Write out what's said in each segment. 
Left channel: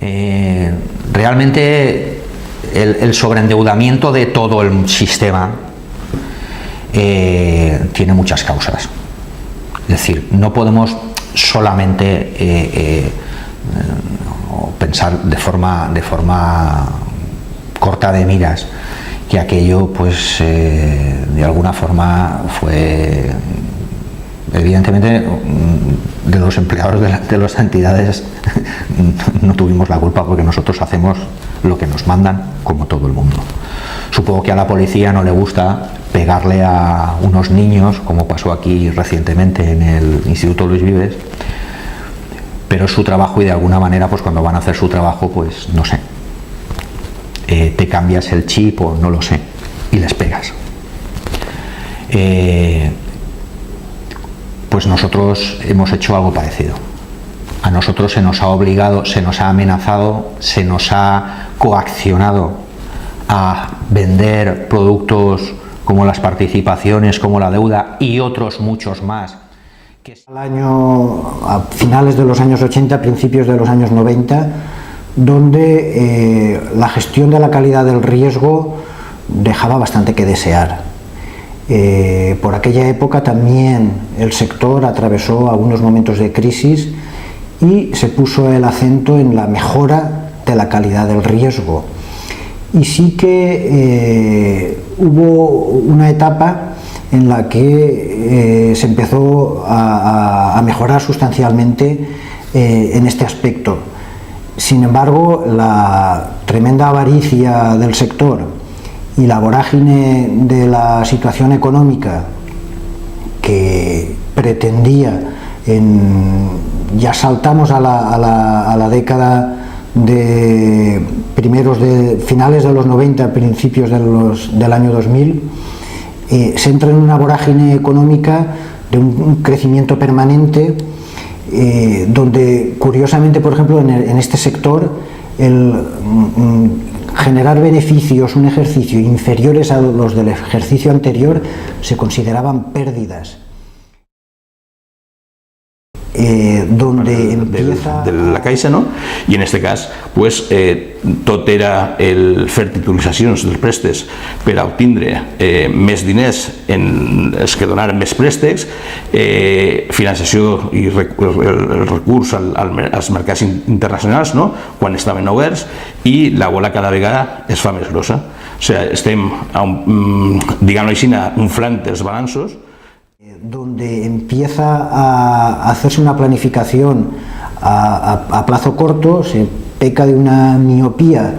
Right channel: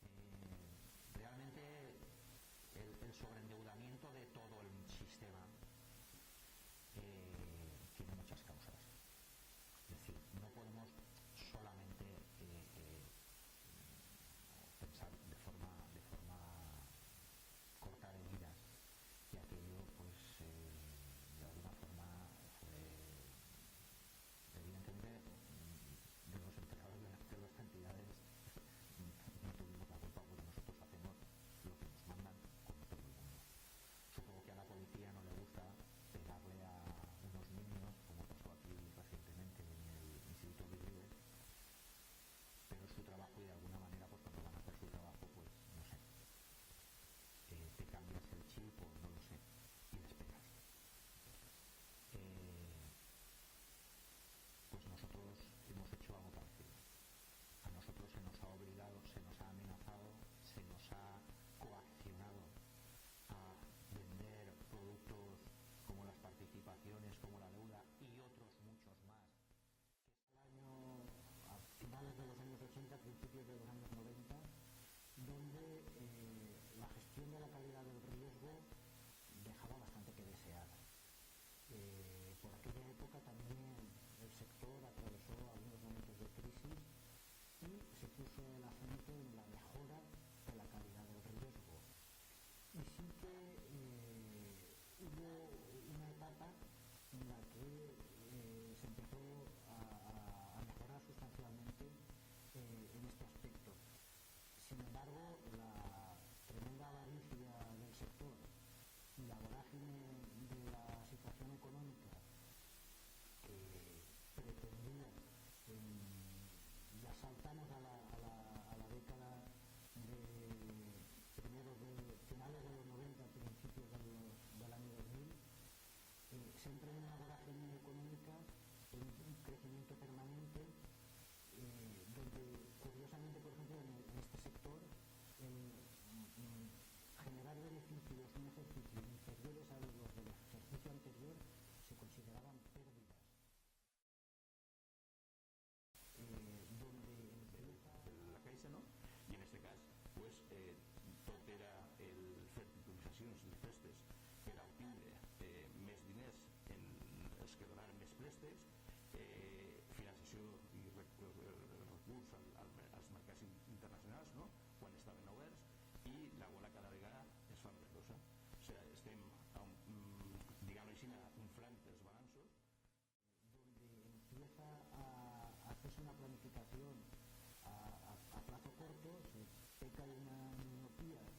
Realmente el sobreendeudamiento de todo el sistema tiene muchas causas. Es decir, no podemos solamente pensar de forma corta de miras que aquello, pues, de alguna forma fue, evidentemente, de los empleados de las entidades no tuvimos la culpa, porque nosotros hacemos lo que nos mandan, como todo el mundo. Supongo que a la policía no le gusta pegarle a unos niños, como pasó aquí recientemente en el Instituto Luis Vives, pero es su trabajo, y de alguna manera, pues cuando van a hacer su trabajo, pues no sé, te cambias el chip o no lo sé, y les pegas. Pues nosotros hemos hecho algo parecido. A nosotros se nos ha obligado, se nos ha amenazado, se nos ha coaccionado a vender productos como las participaciones, como la deuda y otros muchos más. A finales de los años 80, principios de los años 90, donde la gestión de la calidad del riesgo dejaba bastante que desear. Por aquella época también el sector atravesó algunos momentos de crisis y se puso el acento en la mejora de la calidad del riesgo. Y sí que hubo una etapa en la que se empezó a mejorar sustancialmente en este aspecto. Sin embargo, la tremenda avaricia del sector y la vorágine de la situación económica que pretendía, ya saltamos a la década de finales de los 90, principios del año 2000, se entra en una vorágine económica de un crecimiento permanente, donde curiosamente, por ejemplo, en este sector, generar beneficios, un ejercicio inferiores a los del ejercicio anterior, se consideraban pérdidas. Donde empieza... de la Caixa, no? I en aquest cas, pues, tot era el fer titulitzacions dels préstecs per a obtindre més diners els que donaren més préstecs, financiació i el recurs als mercats internacionals, no? Quan estaven oberts, i la bola cada vegada es fa més grossa. O sigui, estem, diguem-ho així, inflant els balanços, donde empieza a hacerse una planificación a plazo corto, se peca de una miopía,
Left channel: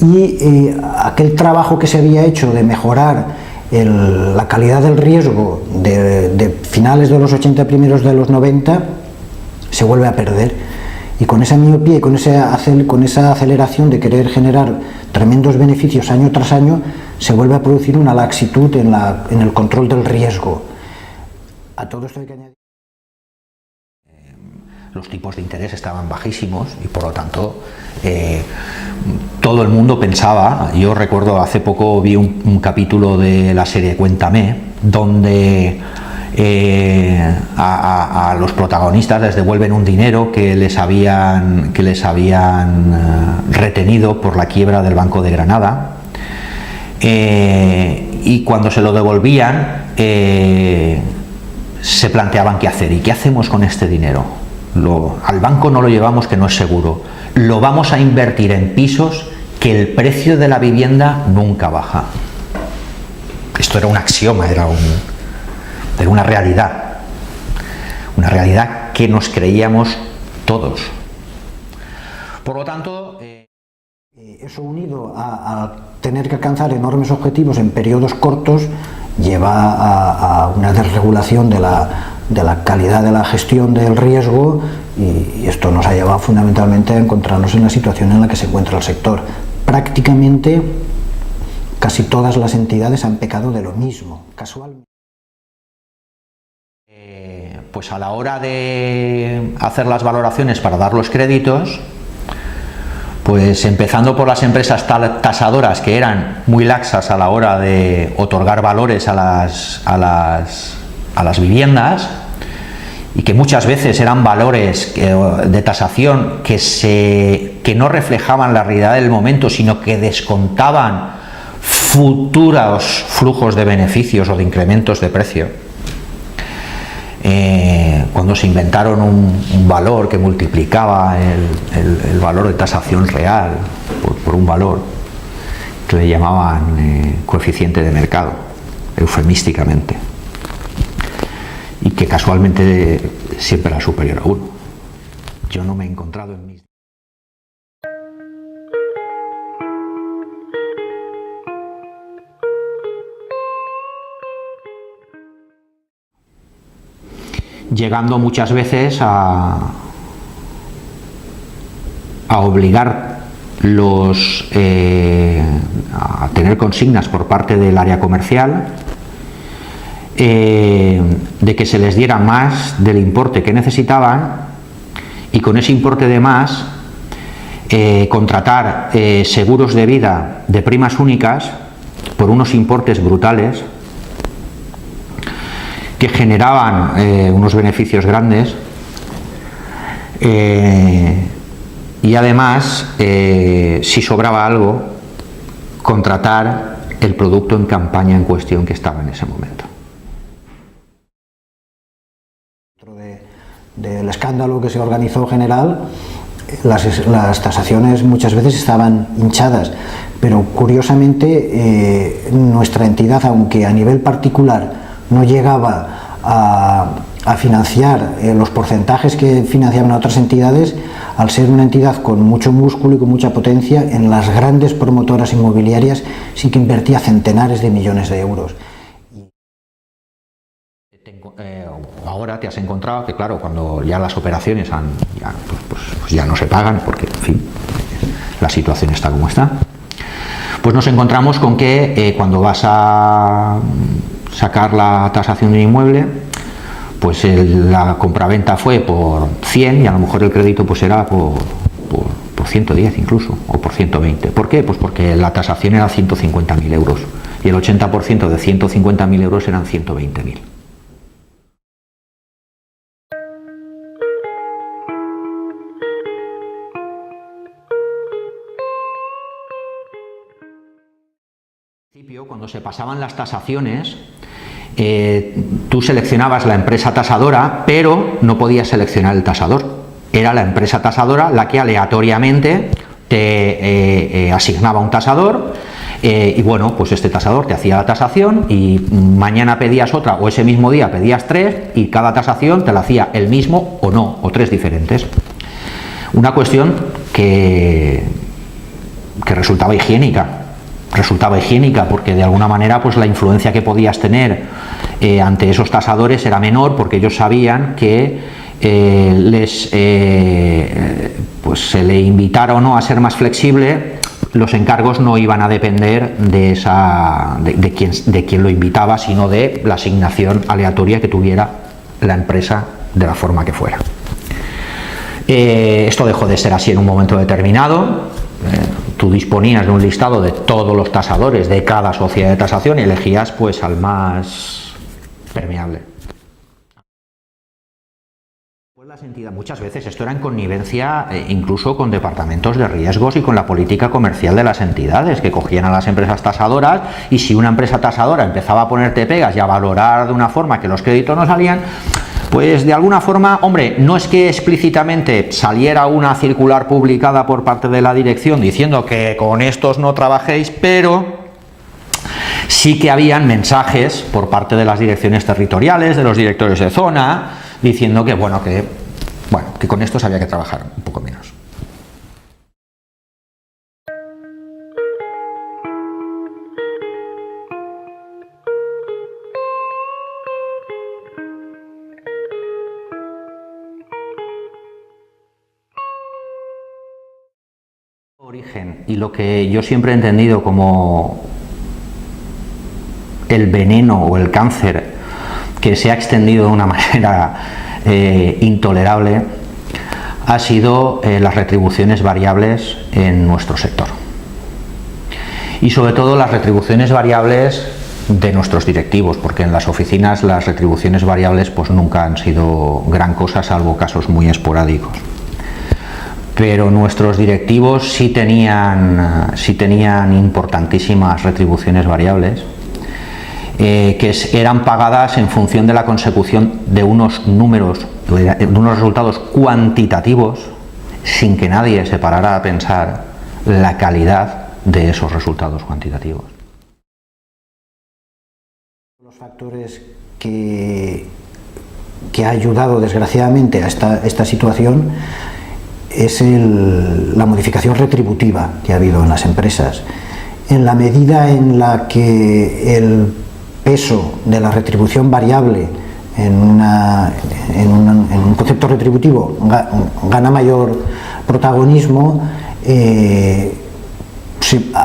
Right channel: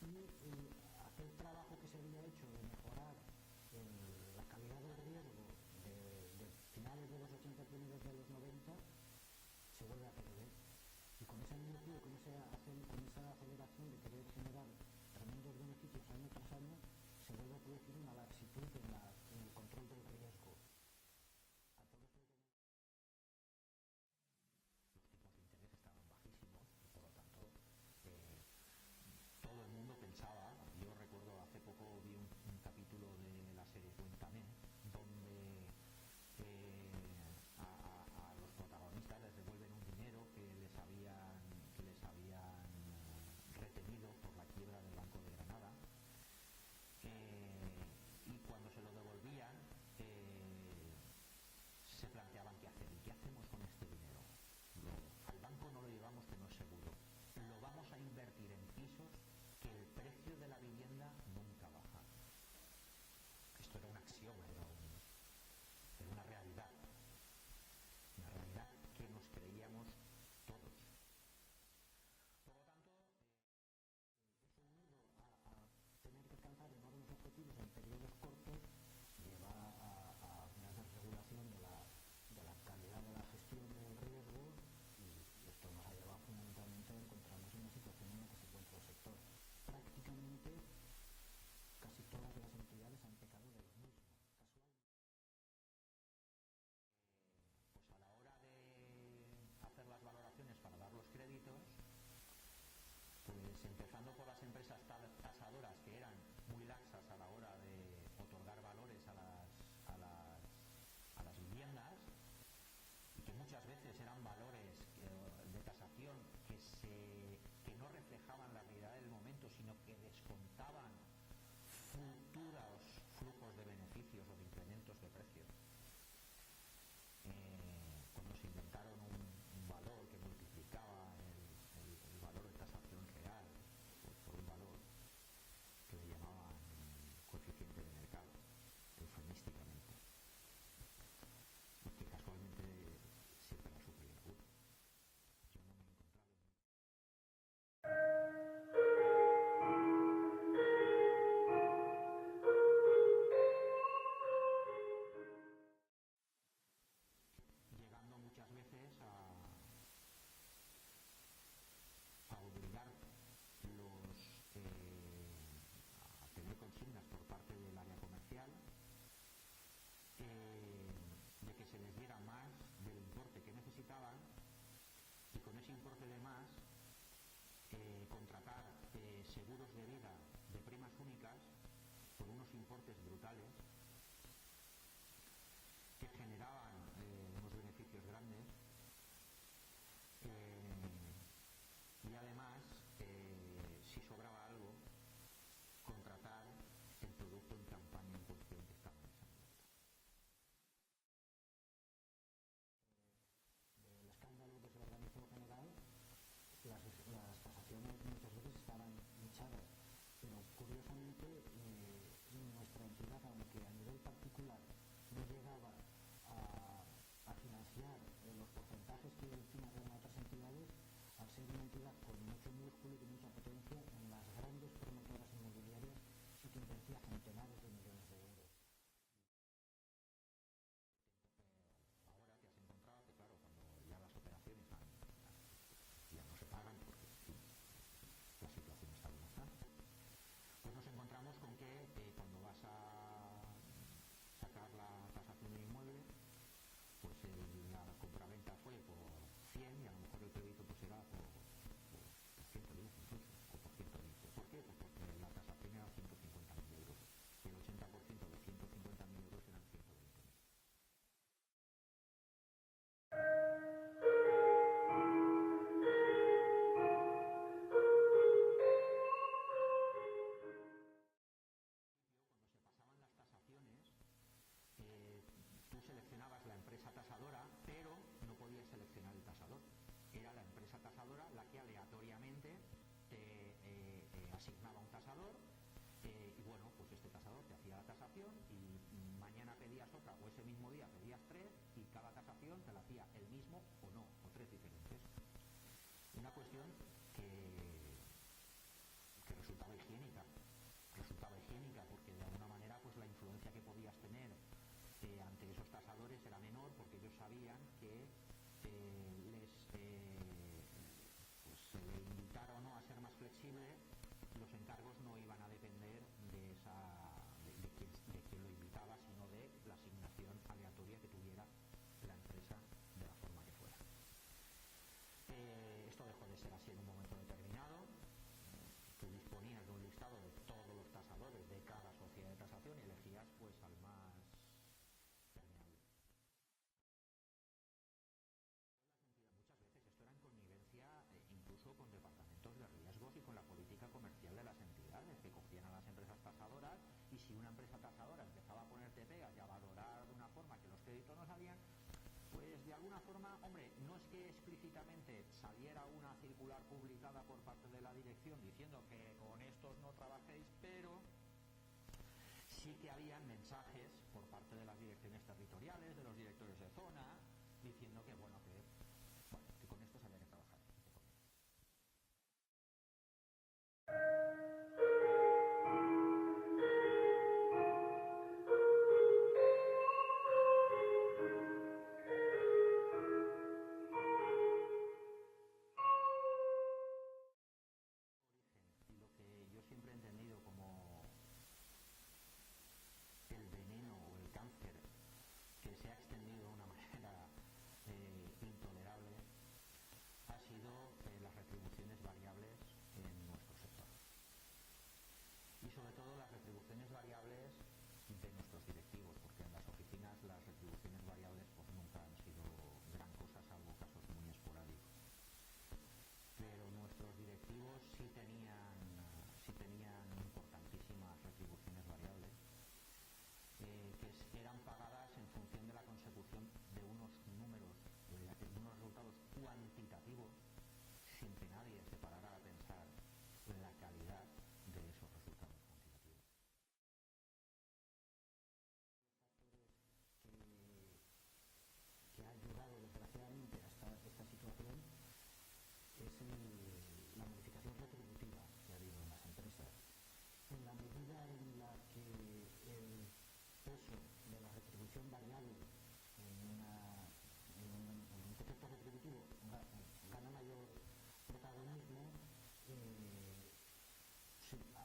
y aquel trabajo que se había hecho de mejorar la calidad del riesgo de finales de los 80, primeros de los 90, se vuelve a perder. Y con esa miopía y con esa aceleración de querer generar tremendos beneficios año tras año, se vuelve a producir una laxitud en el control del riesgo. A todo esto hay que añadir. Los tipos de interés estaban bajísimos y, por lo tanto, todo el mundo pensaba. Yo recuerdo, hace poco vi un capítulo de la serie Cuéntame, donde a los protagonistas les devuelven un dinero que les habían retenido por la quiebra del Banco de Granada, y cuando se lo devolvían, se planteaban qué hacer. ¿Y qué hacemos con este dinero? Al banco no lo llevamos, que no es seguro. Lo vamos a invertir en pisos, que el precio de la vivienda nunca baja. Esto era un axioma, era una realidad. Una realidad que nos creíamos todos. Por lo tanto... Eso, unido a tener que alcanzar enormes objetivos en periodos cortos, lleva a una desregulación de la calidad de la gestión del riesgo, y esto nos ha llevado fundamentalmente a encontrarnos en la situación en la que se encuentra el sector. Prácticamente casi todas las entidades han pecado de lo mismo, casualmente. Pues a la hora de hacer las valoraciones para dar los créditos, pues empezando por las empresas tasadoras, que eran muy laxas a la hora de otorgar valores a las viviendas, y que muchas veces eran valores de tasación que no reflejaban la realidad del momento, sino que descontaban futuros flujos de beneficios o de incrementos de precio. Cuando se inventaron un valor que multiplicaba el valor de tasación real por un valor que le llamaban coeficiente de mercado, eufemísticamente, y que casualmente siempre era superior a 1. Yo no me he encontrado en mis... llegando muchas veces a obligar a tener consignas por parte del área comercial de que se les diera más del importe que necesitaban, y con ese importe de más contratar seguros de vida de primas únicas por unos importes brutales que generaban unos beneficios grandes, y además, si sobraba algo, contratar el producto en campaña en cuestión que estaba en ese momento. Dentro del escándalo que se organizó general, las tasaciones muchas veces estaban hinchadas, pero curiosamente nuestra entidad, aunque a nivel particular no llegaba a financiar los porcentajes que financiaban a otras entidades, al ser una entidad con mucho músculo y con mucha potencia, en las grandes promotoras inmobiliarias sí que invertía centenares de millones de euros. Ahora te has encontrado que, claro, cuando ya las operaciones pues ya no se pagan, porque, en fin, la situación está como está, pues nos encontramos con que cuando vas a sacar la tasación de un inmueble, pues la compraventa fue por 100 y a lo mejor el crédito pues era por 110 incluso, o por 120. ¿Por qué? Pues porque la tasación era 150.000 euros y el 80% de 150.000 euros eran 120.000. Cuando se pasaban las tasaciones, tú seleccionabas la empresa tasadora, pero no podías seleccionar el tasador. Era la empresa tasadora la que aleatoriamente te asignaba un tasador, y bueno, pues este tasador te hacía la tasación y mañana pedías otra, o ese mismo día pedías 3, y cada tasación te la hacía el mismo o no, o 3 diferentes. Una cuestión que resultaba higiénica. Porque de alguna manera pues la influencia que podías tener ante esos tasadores era menor, porque ellos sabían que pues se le invitara o no a ser más flexible, los encargos no iban a depender de quién lo invitaba, sino de la asignación aleatoria que tuviera la empresa de la forma que fuera. Esto dejó de ser así en un momento determinado. Tú disponías de un listado de todos los tasadores de cada sociedad de tasación y elegías pues al más permeable. Pues las entidades, muchas veces esto era en connivencia incluso con departamentos de riesgos y con la política comercial de las entidades, que cogían a las empresas tasadoras, y si una empresa tasadora empezaba a ponerte pegas y a valorar de una forma que los créditos no salían, pues de alguna forma, hombre, no es que explícitamente saliera una circular publicada por parte de la dirección diciendo que con estos no trabajéis, pero sí que habían mensajes por parte de las direcciones territoriales, de los directores de zona, diciendo que que con estos había que trabajar un poco menos. Origen, y lo que yo siempre he entendido como el veneno o el cáncer que se ha extendido de una manera intolerable, ha sido las retribuciones variables en nuestro sector, y sobre todo las retribuciones variables de nuestros directivos, porque en las oficinas las retribuciones variables pues nunca han sido gran cosa, salvo casos muy esporádicos. Pero nuestros directivos sí tenían importantísimas retribuciones variables, que eran pagadas en función de la consecución de unos números, de unos resultados cuantitativos, sin que nadie se parara a pensar la calidad de esos resultados cuantitativos. Los factores que ha ayudado desgraciadamente a esta situación es la modificación retributiva que ha habido en las empresas. En la medida en la que el peso de la retribución variable en un concepto retributivo gana mayor protagonismo,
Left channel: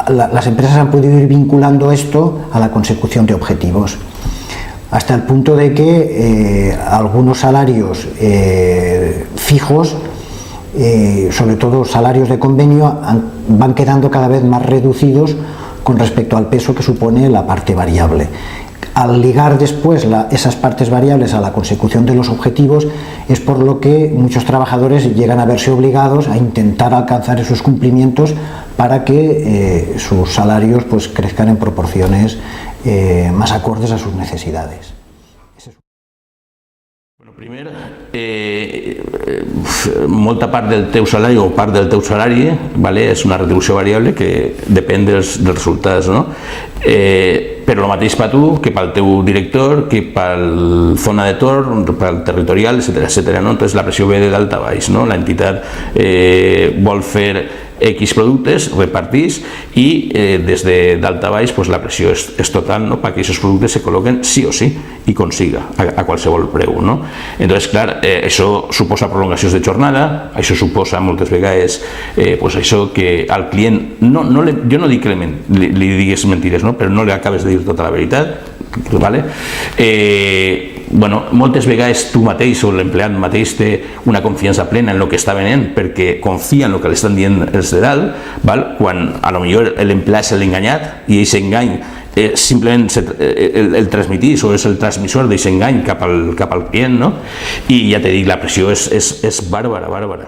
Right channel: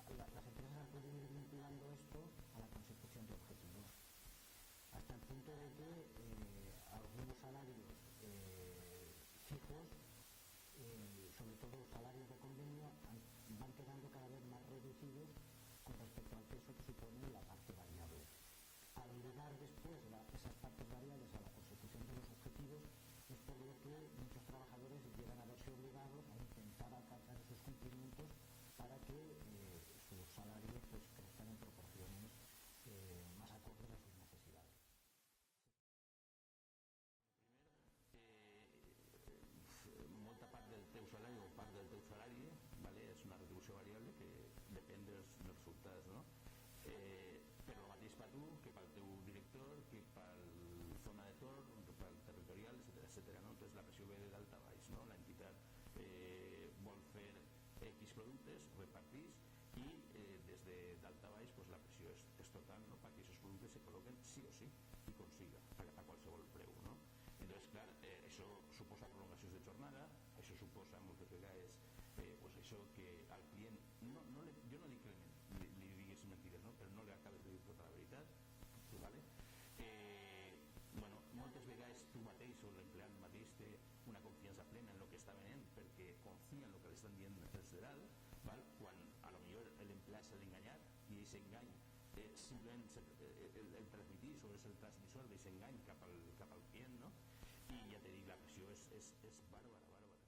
las empresas han podido ir vinculando esto a la consecución de objetivos, hasta el punto de que algunos salarios fijos, sobre todo salarios de convenio, van quedando cada vez más reducidos con respecto al peso que supone la parte variable. Al ligar después esas partes variables a la consecución de los objetivos, es por lo que muchos trabajadores llegan a verse obligados a intentar alcanzar esos cumplimientos para que sus salarios pues crezcan en proporciones más acordes a sus necesidades. Bueno, primer, molta part del teu salari o part del teu salari, vale, és una retribució variable que depèn dels resultats, no? Però el mateix per tu que pel teu director, que pel zona de torn, pel territorial, etc. ¿no? Entonces la pressió ve de dalt a baix, no? L'entitat vol fer X productes, repartís, i des de dalt a baix pues, la pressió és total, no? Perquè aquests productes se col·loquen sí o sí i consiga a qualsevol preu, no? Entonces, clar, això suposa prolongacions de jornada, això suposa moltes vegades pues això que al client, jo no dic que li digues mentires, no? Però no li acabes de dir tota la veritat, vale? Bueno, moltes vegades tu mateix o l'empleat mateix té una confiança plena en el que està venent perquè confia en el que li estan dient els de dalt, val? Quan a lo millor l'empleat és l'enganyat i aquest engany simplement el transmitís o és el transmissor d'aquest engany cap al client, no? I ja t'he dit, la pressió és bàrbara.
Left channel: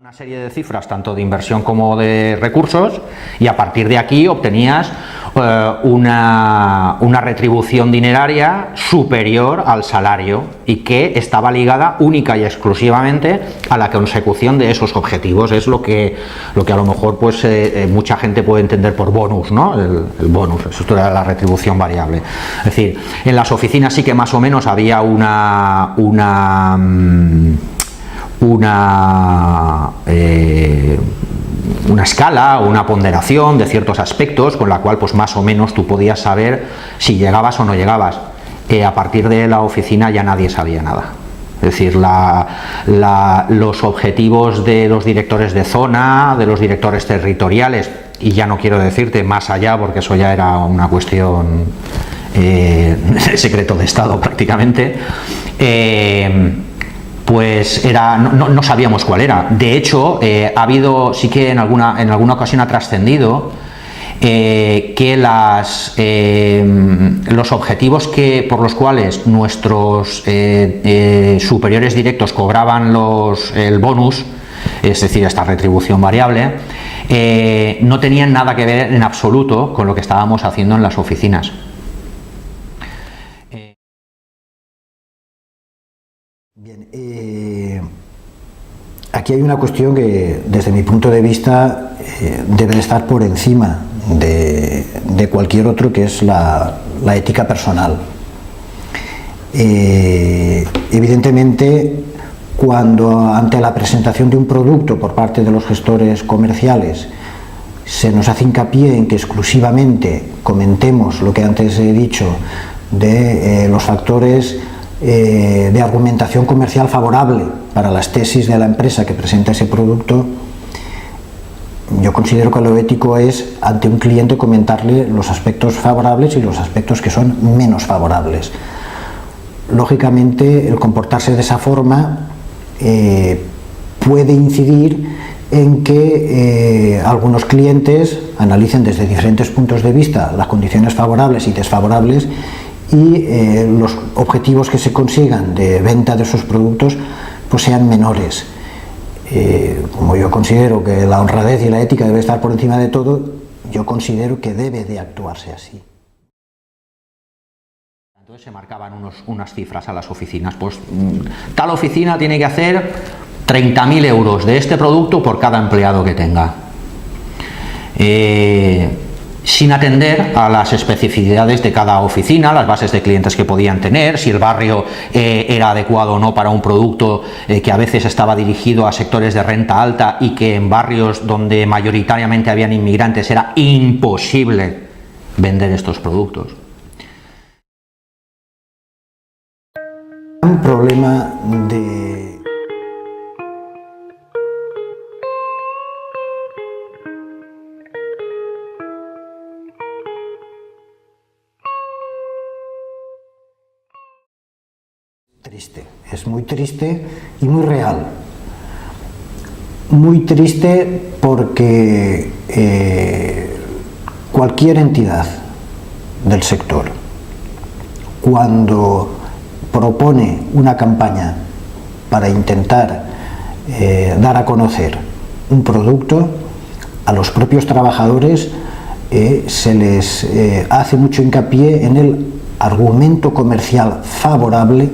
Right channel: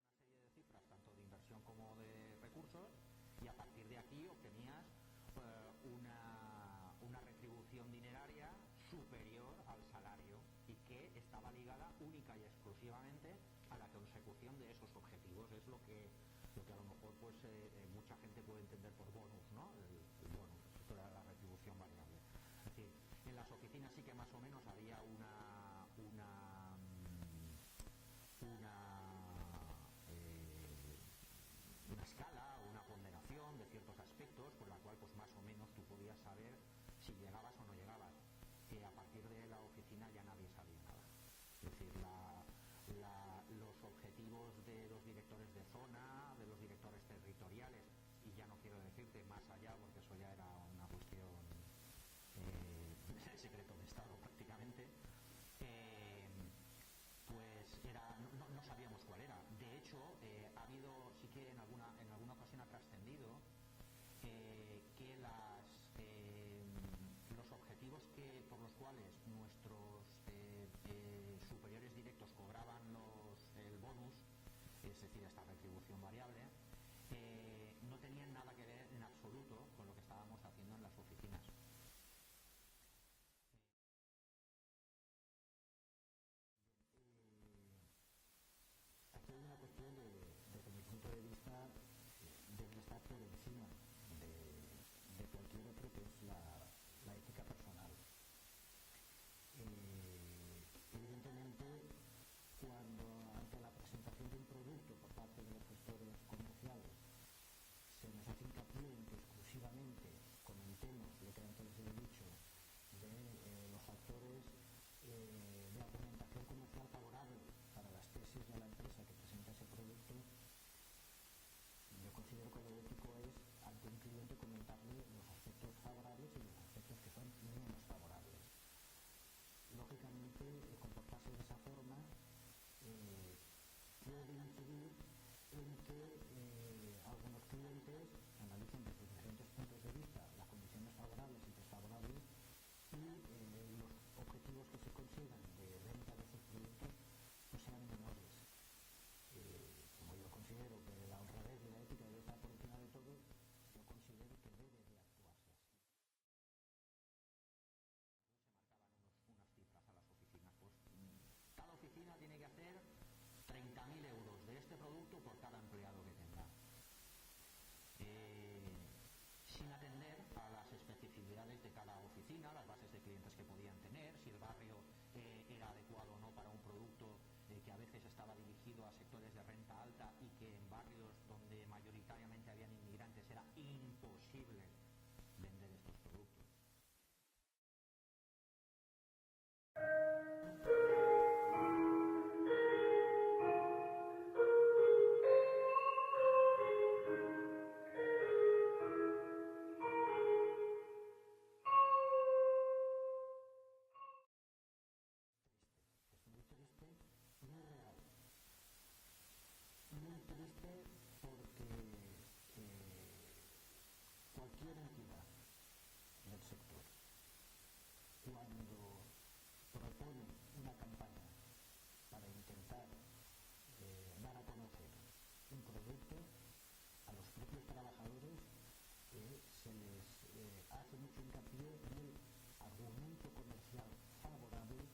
Una serie de cifras, tanto de inversión como de recursos, y a partir de aquí obtenías una retribución dineraria superior al salario y que estaba ligada única y exclusivamente a la consecución de esos objetivos. Es lo que a lo mejor pues mucha gente puede entender por bonus, ¿no? El bonus, esto era la retribución variable. Es decir, en las oficinas sí que más o menos había una escala o una ponderación de ciertos aspectos con la cual pues más o menos tú podías saber si llegabas o no llegabas. A partir de la oficina ya nadie sabía nada. Es decir, los objetivos de los directores de zona, de los directores territoriales, y ya no quiero decirte más allá porque eso ya era una cuestión secreto de Estado prácticamente, pues no sabíamos cuál era. De hecho, ha habido, sí que en alguna ocasión ha trascendido que los objetivos por los cuales nuestros superiores directos cobraban el bonus, es decir, esta retribución variable, no tenían nada que ver en absoluto con lo que estábamos haciendo en las oficinas. Aquí hay una cuestión que, desde mi punto de vista, debe de estar por encima de cualquier otro, que es la ética personal. Evidentemente, cuando ante la presentación de un producto por parte de los gestores comerciales se nos hace hincapié en que exclusivamente comentemos lo que antes he dicho de los factores de argumentación comercial favorable para las tesis de la empresa que presenta ese producto, yo yo considero que lo ético es ante un cliente comentarle los aspectos favorables y los aspectos que son menos favorables. Lógicamente, el comportarse de esa forma puede incidir en que algunos clientes analicen desde diferentes puntos de vista las condiciones favorables y desfavorables y los objetivos que se consigan de venta de esos productos pues sean menores. Como yo considero que la honradez y la ética debe estar por encima de todo, yo considero que debe de actuarse así. Entonces se marcaban unas cifras a las oficinas, pues tal oficina tiene que hacer 30.000 euros de este producto por cada empleado que tenga, sin atender a las especificidades de cada oficina, las bases de clientes que podían tener, si el barrio era adecuado o no para un producto que a veces estaba dirigido a sectores de renta alta y que en barrios donde mayoritariamente habían inmigrantes era imposible vender estos productos. Un problema de triste, es muy triste y muy real. Muy triste porque cualquier entidad del sector, cuando propone una campaña para intentar dar a conocer un producto, a los propios trabajadores se les hace mucho hincapié en el argumento comercial favorable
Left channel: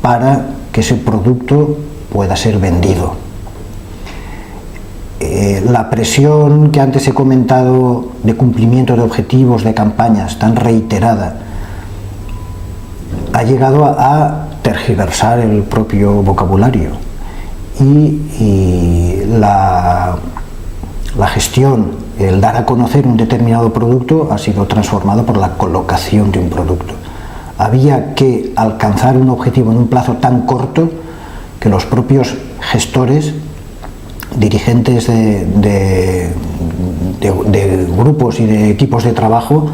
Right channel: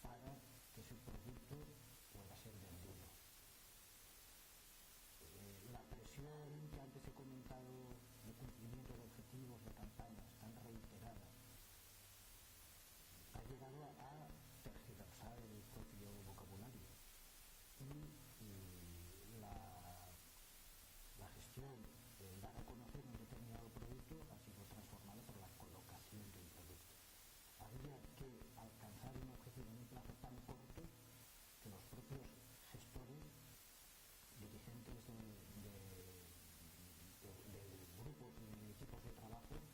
para que ese producto pueda ser vendido. La presión que antes he comentado de cumplimiento de objetivos de campañas tan reiterada ha llegado a tergiversar el propio vocabulario y la gestión, el dar a conocer un determinado producto ha sido transformado por la colocación de un producto. Había que alcanzar un objetivo en un plazo tan corto que los propios gestores, dirigentes de grupos y de equipos de trabajo,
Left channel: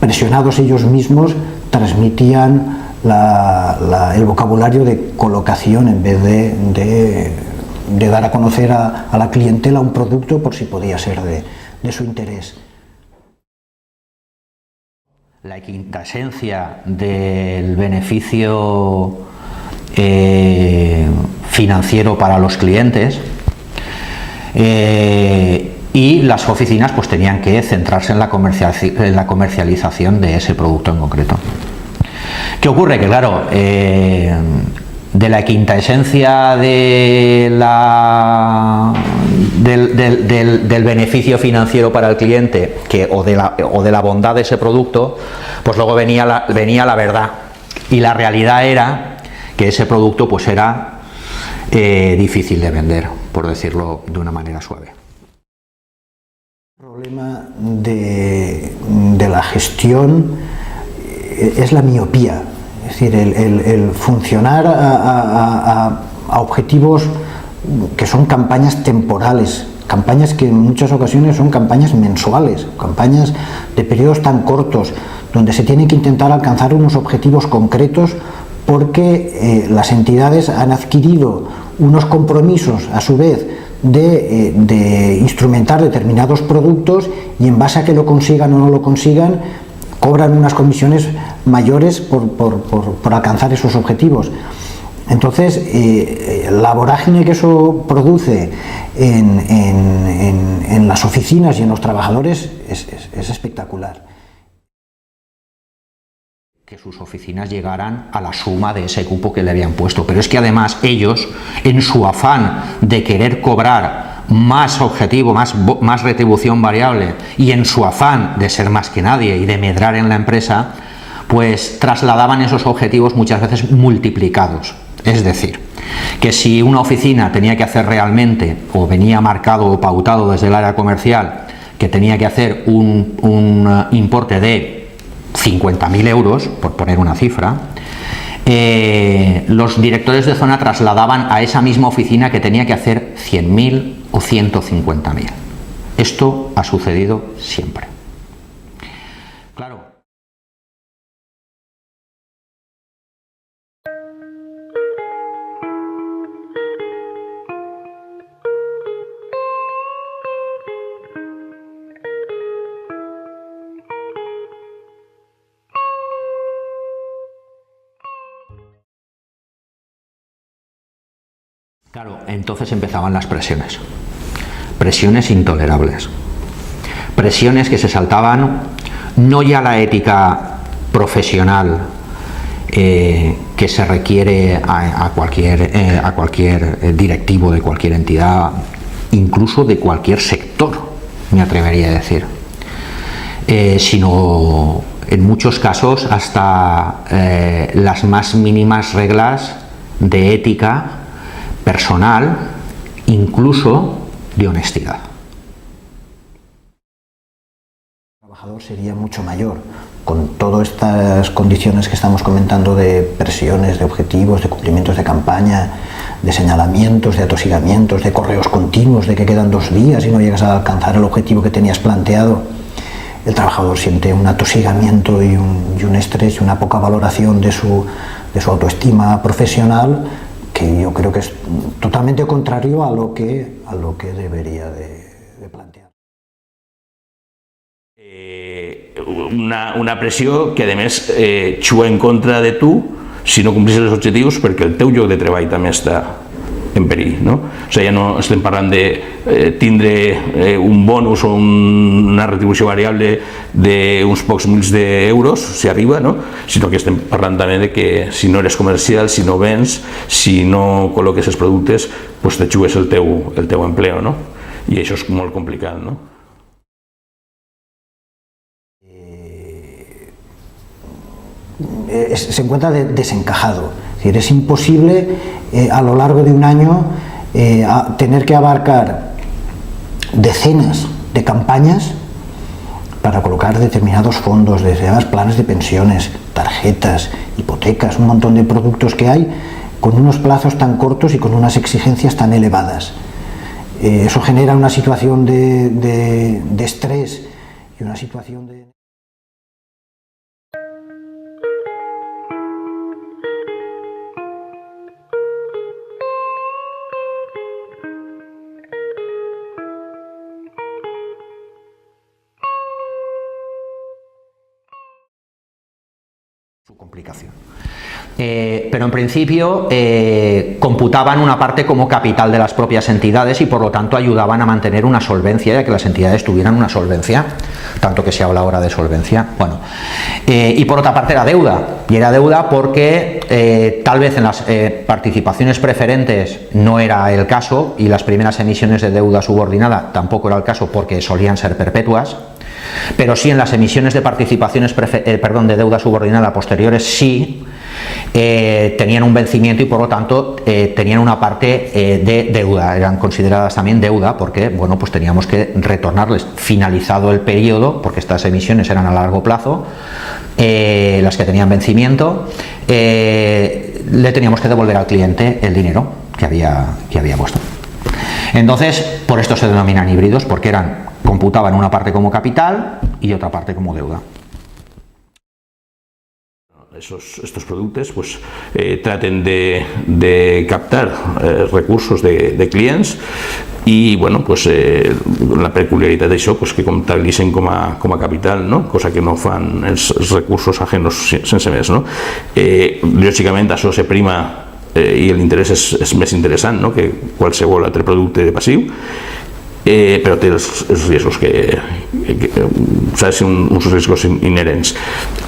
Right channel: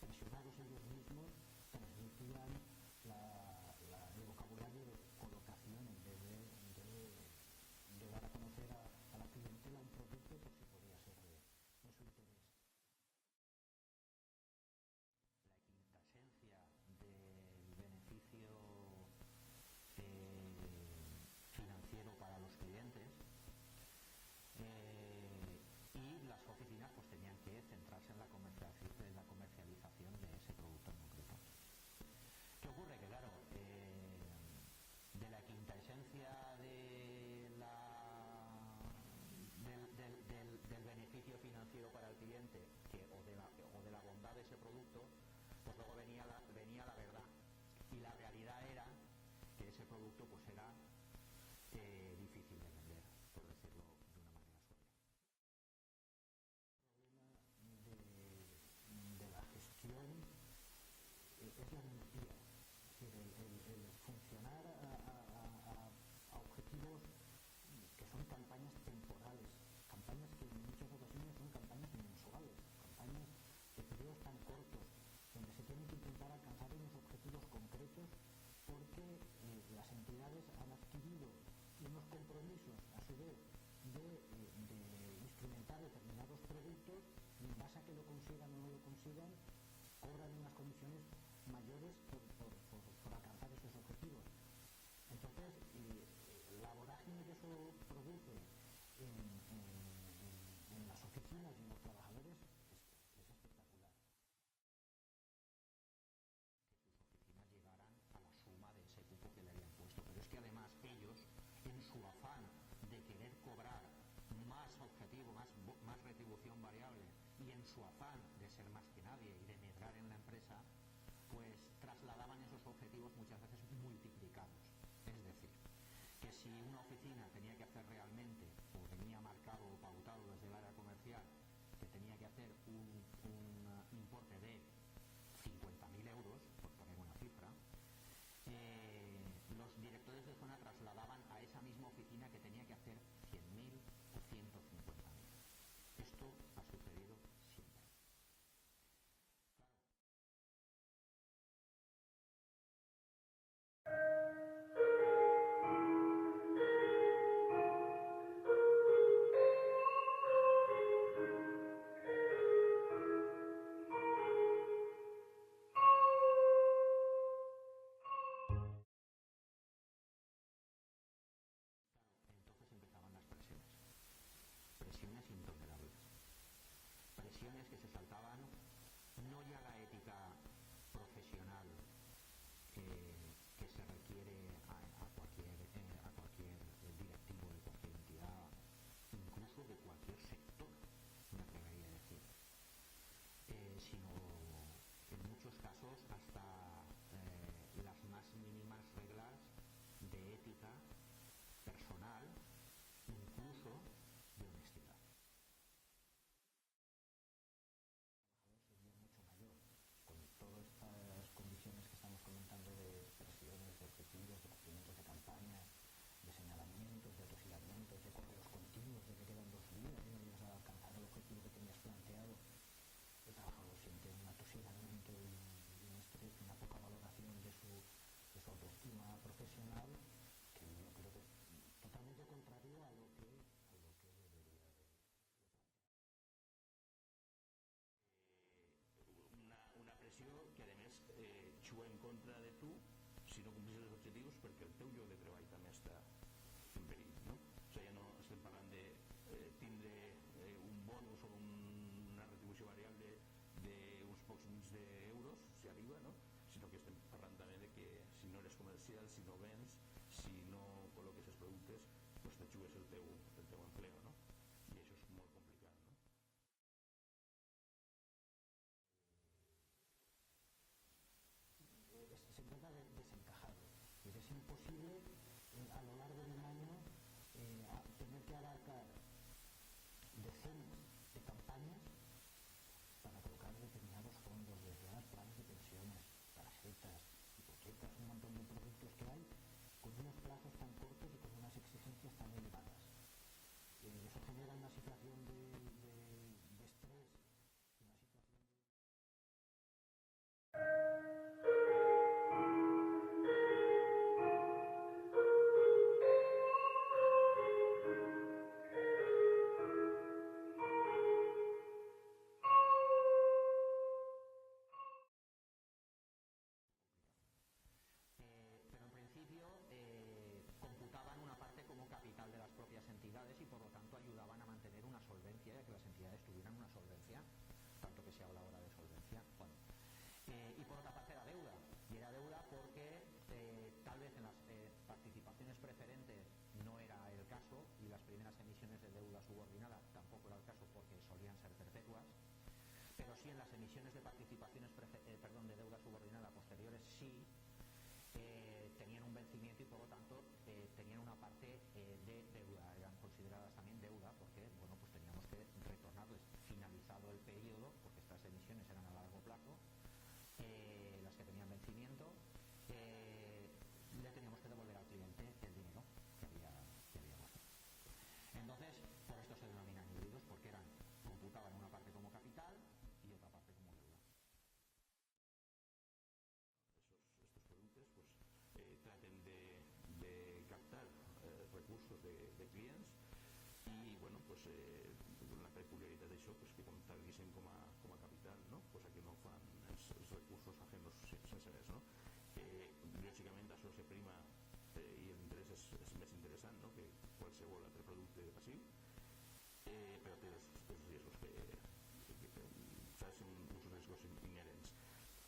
presionados ellos mismos, transmitían el vocabulario de colocación en vez de dar a conocer a la clientela un producto por si podía ser de su interés. La quintaesencia del beneficio financiero para los clientes, y las oficinas pues tenían que centrarse en la comercialización de ese producto en concreto. ¿Qué ocurre? Que claro, de la quintaesencia del beneficio financiero para el cliente o de la bondad de ese producto, pues luego venía la verdad, y la realidad era que ese producto pues era difícil de vender, por decirlo de una manera suave. El problema de la gestión es la miopía, es decir, el funcionar a objetivos que son campañas temporales, campañas que en muchas ocasiones son campañas mensuales, campañas de periodos tan cortos, donde se tiene que intentar alcanzar unos objetivos concretos porque las entidades han adquirido unos compromisos a su vez de instrumentar determinados productos, y en base a que lo consigan o no lo consigan cobran unas comisiones mayores por alcanzar esos objetivos. Entonces la vorágine que eso produce en las oficinas y en los trabajadores es espectacular. Que sus oficinas llegaran a la suma de ese cupo que le habían puesto, pero es que además ellos, en su afán de querer cobrar más objetivo, más retribución variable, y en su afán de ser más que nadie y de medrar en la empresa, pues trasladaban esos objetivos muchas veces multiplicados. Es decir, que si una oficina tenía que hacer realmente, o venía marcado o pautado desde el área comercial, que tenía que hacer un importe de 50.000 euros, por poner una cifra, los directores de zona trasladaban a esa misma oficina que tenía que hacer 100.000 o 150.000. Esto ha sucedido siempre. Claro. Claro, entonces empezaban las presiones. Presiones intolerables. Presiones que se saltaban no ya la ética profesional que se requiere a cualquier directivo de cualquier entidad, incluso de cualquier sector, me atrevería a decir, sino en muchos casos hasta las más mínimas reglas de ética personal, incluso de honestidad. El trabajador sería mucho mayor, con todas estas condiciones que estamos comentando de presiones, de objetivos, de cumplimientos de campaña, de señalamientos, de atosigamientos, de correos continuos, de que quedan 2 días y no llegas a alcanzar el objetivo que tenías planteado. El trabajador siente un atosigamiento y un estrés y una poca valoración de su autoestima profesional, que yo creo que es totalmente contrario a lo que debería de plantear. Una pressió que a més juga en contra de tu si no complissis els objectius, perquè el teu lloc de treball també està en perill, no? O sigui, ja no estem parlant de tindre un bonus o una retribució variable d'uns pocs mils d'euros, si arriba, no? Sinó que estem parlant també de que si no eres comercial, si no vens, si no col·loques els productes, doncs te jugues el teu empleo, no? I això és molt complicat, no? Se encuentra desencajado. Es decir, es imposible a lo largo de un año tener que abarcar decenas de campañas para colocar determinados fondos, determinados planes de pensiones, tarjetas, hipotecas, un montón de productos que hay con unos plazos tan cortos y con unas exigencias tan elevadas. Eso genera una situación de estrés y una situación de... su complicación. Pero en principio computaban una parte como capital de las propias entidades y por lo tanto ayudaban a mantener una solvencia y a que las entidades tuvieran una solvencia, tanto que se habla ahora de solvencia. Bueno, y por otra parte era deuda, y era deuda porque tal vez en las participaciones preferentes no era el caso, y las primeras emisiones de deuda subordinada tampoco era el caso porque solían ser perpetuas. Pero sí en las emisiones de participaciones de deuda subordinada posteriores sí tenían un vencimiento y por lo tanto tenían una parte de deuda, eran consideradas también deuda porque bueno, pues teníamos que retornarles finalizado el periodo, porque estas emisiones eran a largo plazo, las que tenían vencimiento, le teníamos que devolver al cliente el dinero que había puesto. Entonces, por esto se denominan híbridos, porque computaban una parte como capital y otra parte como deuda. Estos productes pues, traten de captar recursos de clients i bueno, pues, la peculiaritat d'això pues, que comptabilitzen com a capital, no? Cosa que no fan els recursos ajenos sense més. No? Lògicament això se prima i l'interès és més interessant, no? Que qualsevol altre producte passiu, però té els riscos uns riscos inherents.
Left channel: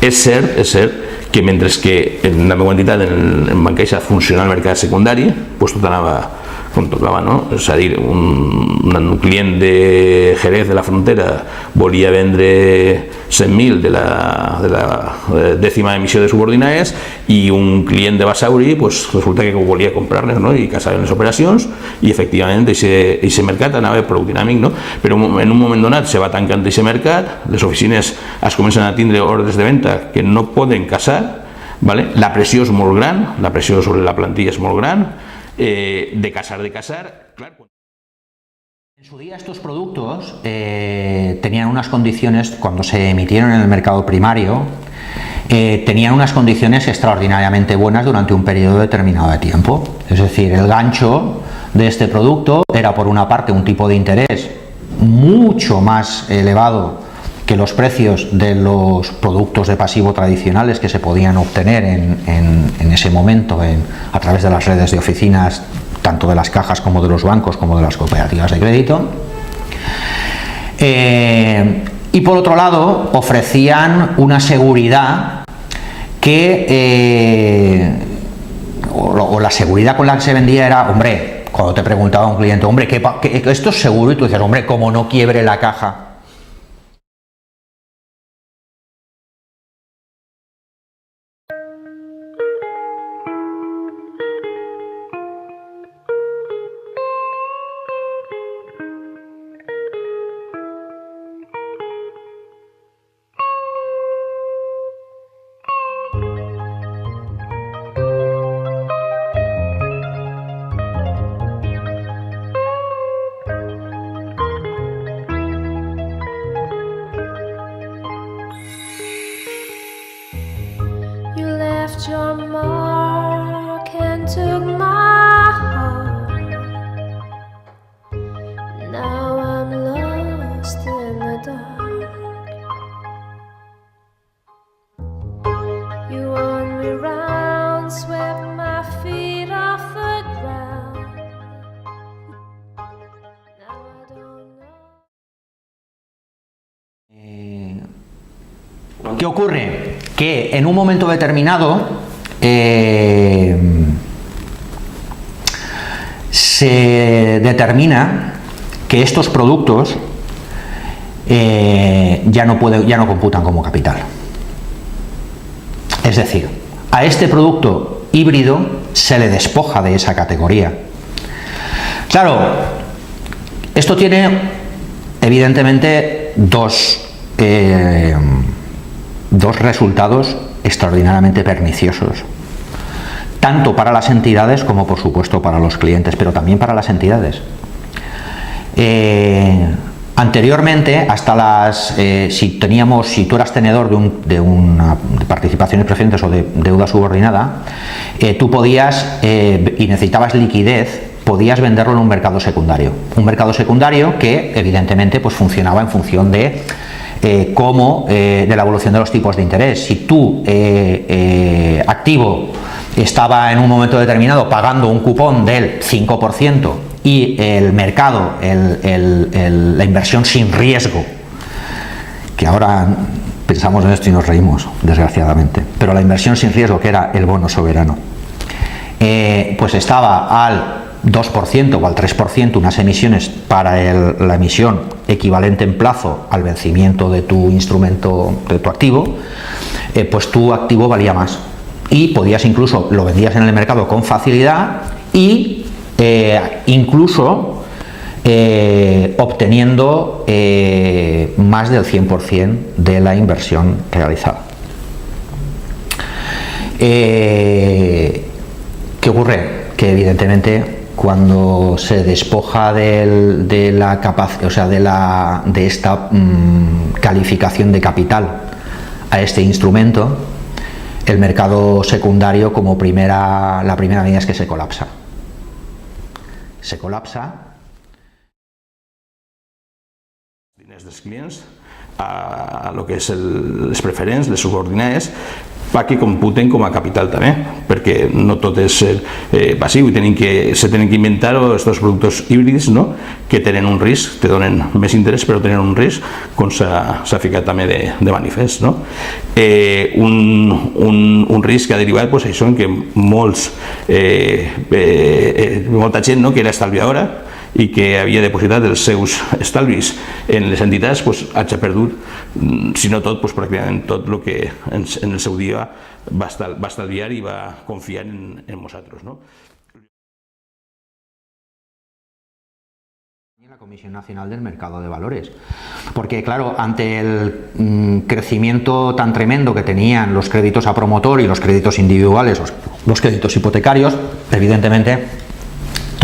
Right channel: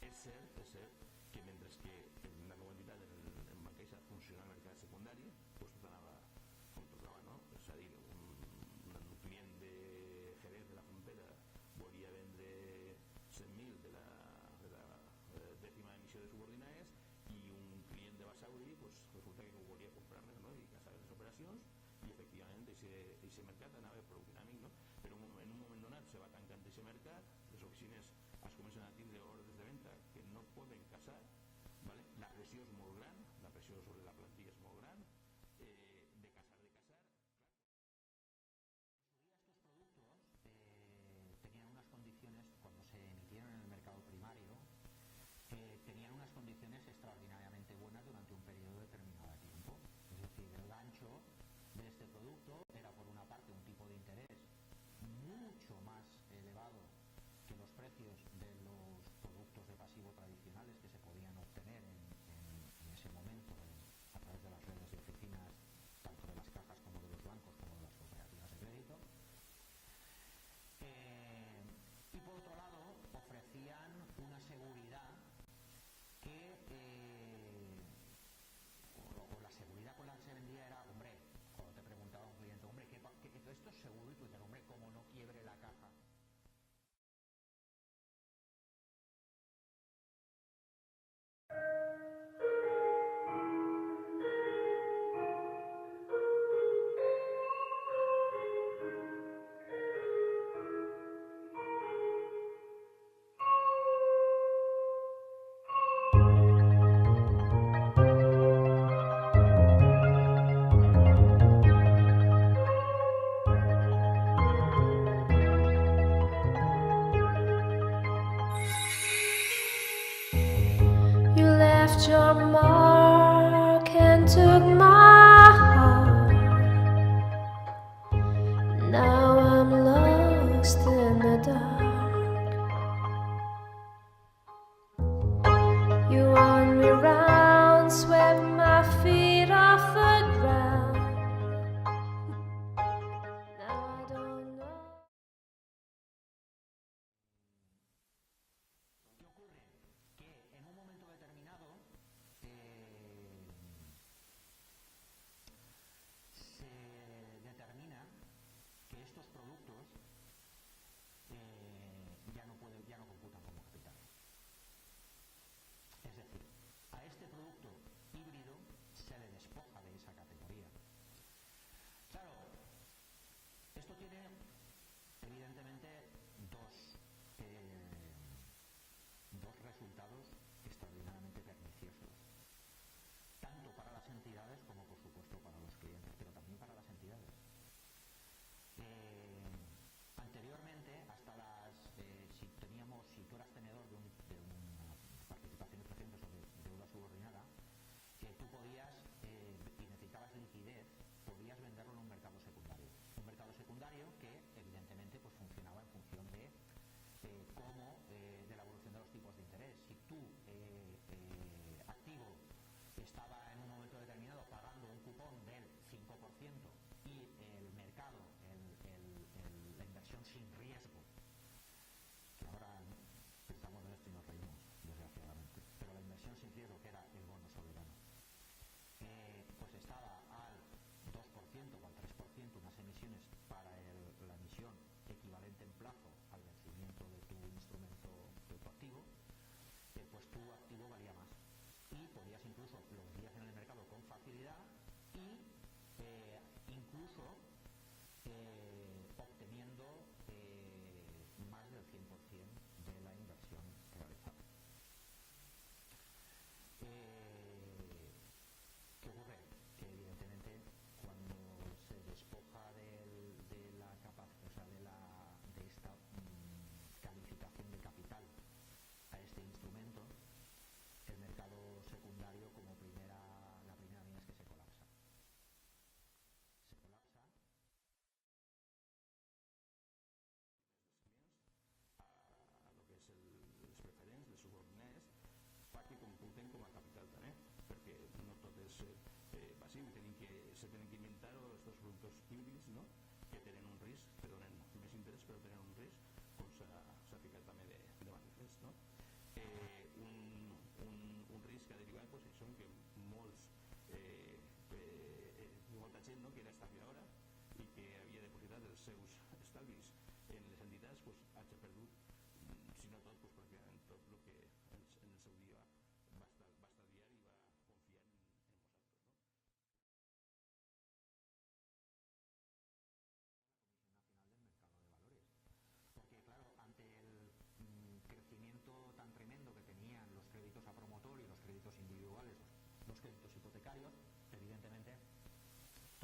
És cert que mentre que en la meva entitat, en Bancaixa, funciona el mercat secundari, doncs tot anava com tocava, no? És a dir, un client de Jerez de la Frontera volia vendre 100.000 de la dècima emissió de subordinades i un client de Basauri pues, resulta que volia comprar-les, no? I casaven les operacions i efectivament aquest mercat anava prou dinàmic, no? Però en un moment donat se va tancant aquest mercat, les oficines es comencen a tindre ordres de venda que no poden casar, ¿vale? La pressió és molt gran, la pressió sobre la plantilla és molt gran, de casar, clar, En su día estos productos tenían unas condiciones, cuando se emitieron en el mercado primario, tenían unas condiciones extraordinariamente buenas durante un periodo determinado de tiempo. Es decir, el gancho de este producto era, por una parte, un tipo de interés mucho más elevado que los precios de los productos de pasivo tradicionales que se podían obtener en ese momento a través de las redes de oficinas, tanto de las cajas como de los bancos como de las cooperativas de crédito. Y por otro lado, ofrecían una seguridad que, o la seguridad con la que se vendía era, hombre, cuando te preguntaba un cliente, hombre, ¿que esto es seguro? Y tú decías, hombre, como no quiebre la caja. You left your mark and took my heart. Now I'm lost in the dark. You won me round, swept my feet off the ground. Now I don't know. ¿Qué ocurre? Que en un momento determinado se determina que estos productos ya no computan como capital. Es decir, a este producto híbrido se le despoja de esa categoría. Claro, esto tiene evidentemente dos resultados extraordinariamente perniciosos, tanto para las entidades como por supuesto para los clientes, pero también para las entidades. Anteriormente, hasta si tú eras tenedor de participaciones preferentes o de deuda subordinada, tú podías, y necesitabas liquidez, podías venderlo en un mercado secundario. Un mercado secundario que evidentemente pues funcionaba en función de la evolución de los tipos de interés. Si tu activo estaba en un momento determinado pagando un cupón del 5% y el mercado, la inversión sin riesgo, que ahora pensamos en esto y nos reímos, desgraciadamente, pero la inversión sin riesgo, que era el bono soberano, pues estaba al 2% o al 3%, unas emisiones para la emisión equivalente en plazo al vencimiento de tu instrumento, de tu activo, pues tu activo valía más y podías incluso, lo vendías en el mercado con facilidad y incluso obteniendo más del 100% de la inversión realizada. ¿Qué ocurre? Que evidentemente cuando se despoja de la capacidad, o sea, de esta calificación de capital a este instrumento, el mercado secundario la primera medida es que se colapsa. Se colapsa. Diners dels clients a lo que és les preferents, les subordinades, que computen com a capital també, perquè no tot és passiu i se tenen que inventar aquests productes híbrids, no? Que tenen un risc, te donen més interès però tenen un risc, com s'ha ficat també de manifest, no? Un risc que ha derivat pues, això en que molta gent, no? Que era estalviadora i que havia depositat els seus estalvis en les entitats, pues, hagi perdut, si no tot, pues, pràcticament tot el que en el seu dia va estalviar i va confiar en nosaltres, ¿no? La Comisión Nacional del Mercado de Valores, porque claro, ante el crecimiento tan tremendo que tenían los créditos a promotor y los créditos individuales, los créditos hipotecarios, evidentemente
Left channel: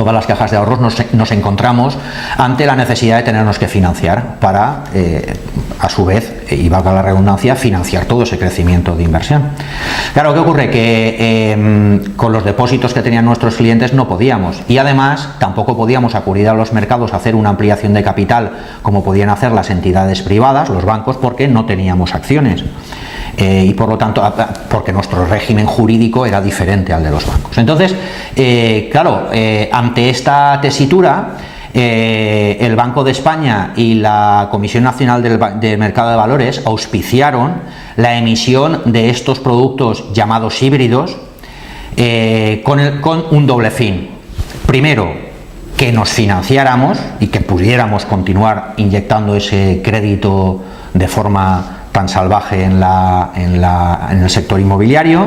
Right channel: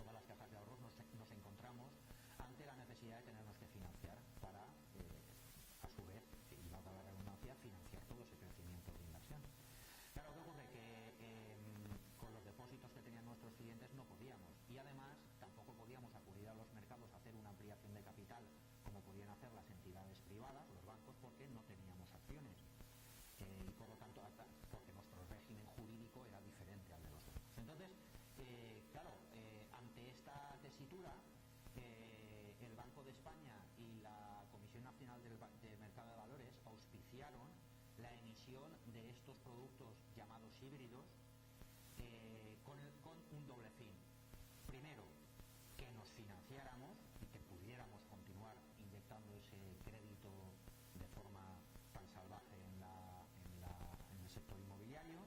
todas las cajas de ahorros nos encontramos ante la necesidad de tenernos que financiar para, a su vez, y valga la redundancia, financiar todo ese crecimiento de inversión. Claro, ¿qué ocurre? Que con los depósitos que tenían nuestros clientes no podíamos, y además tampoco podíamos acudir a los mercados a hacer una ampliación de capital como podían hacer las entidades privadas, los bancos, porque no teníamos acciones. Y por lo tanto, porque nuestro régimen jurídico era diferente al de los bancos. Entonces, claro, ante esta tesitura, el Banco de España y la Comisión Nacional del Mercado de Valores auspiciaron la emisión de estos productos llamados híbridos con un doble fin. Primero, que nos financiáramos y que pudiéramos continuar inyectando ese crédito de forma tan salvaje en el sector inmobiliario,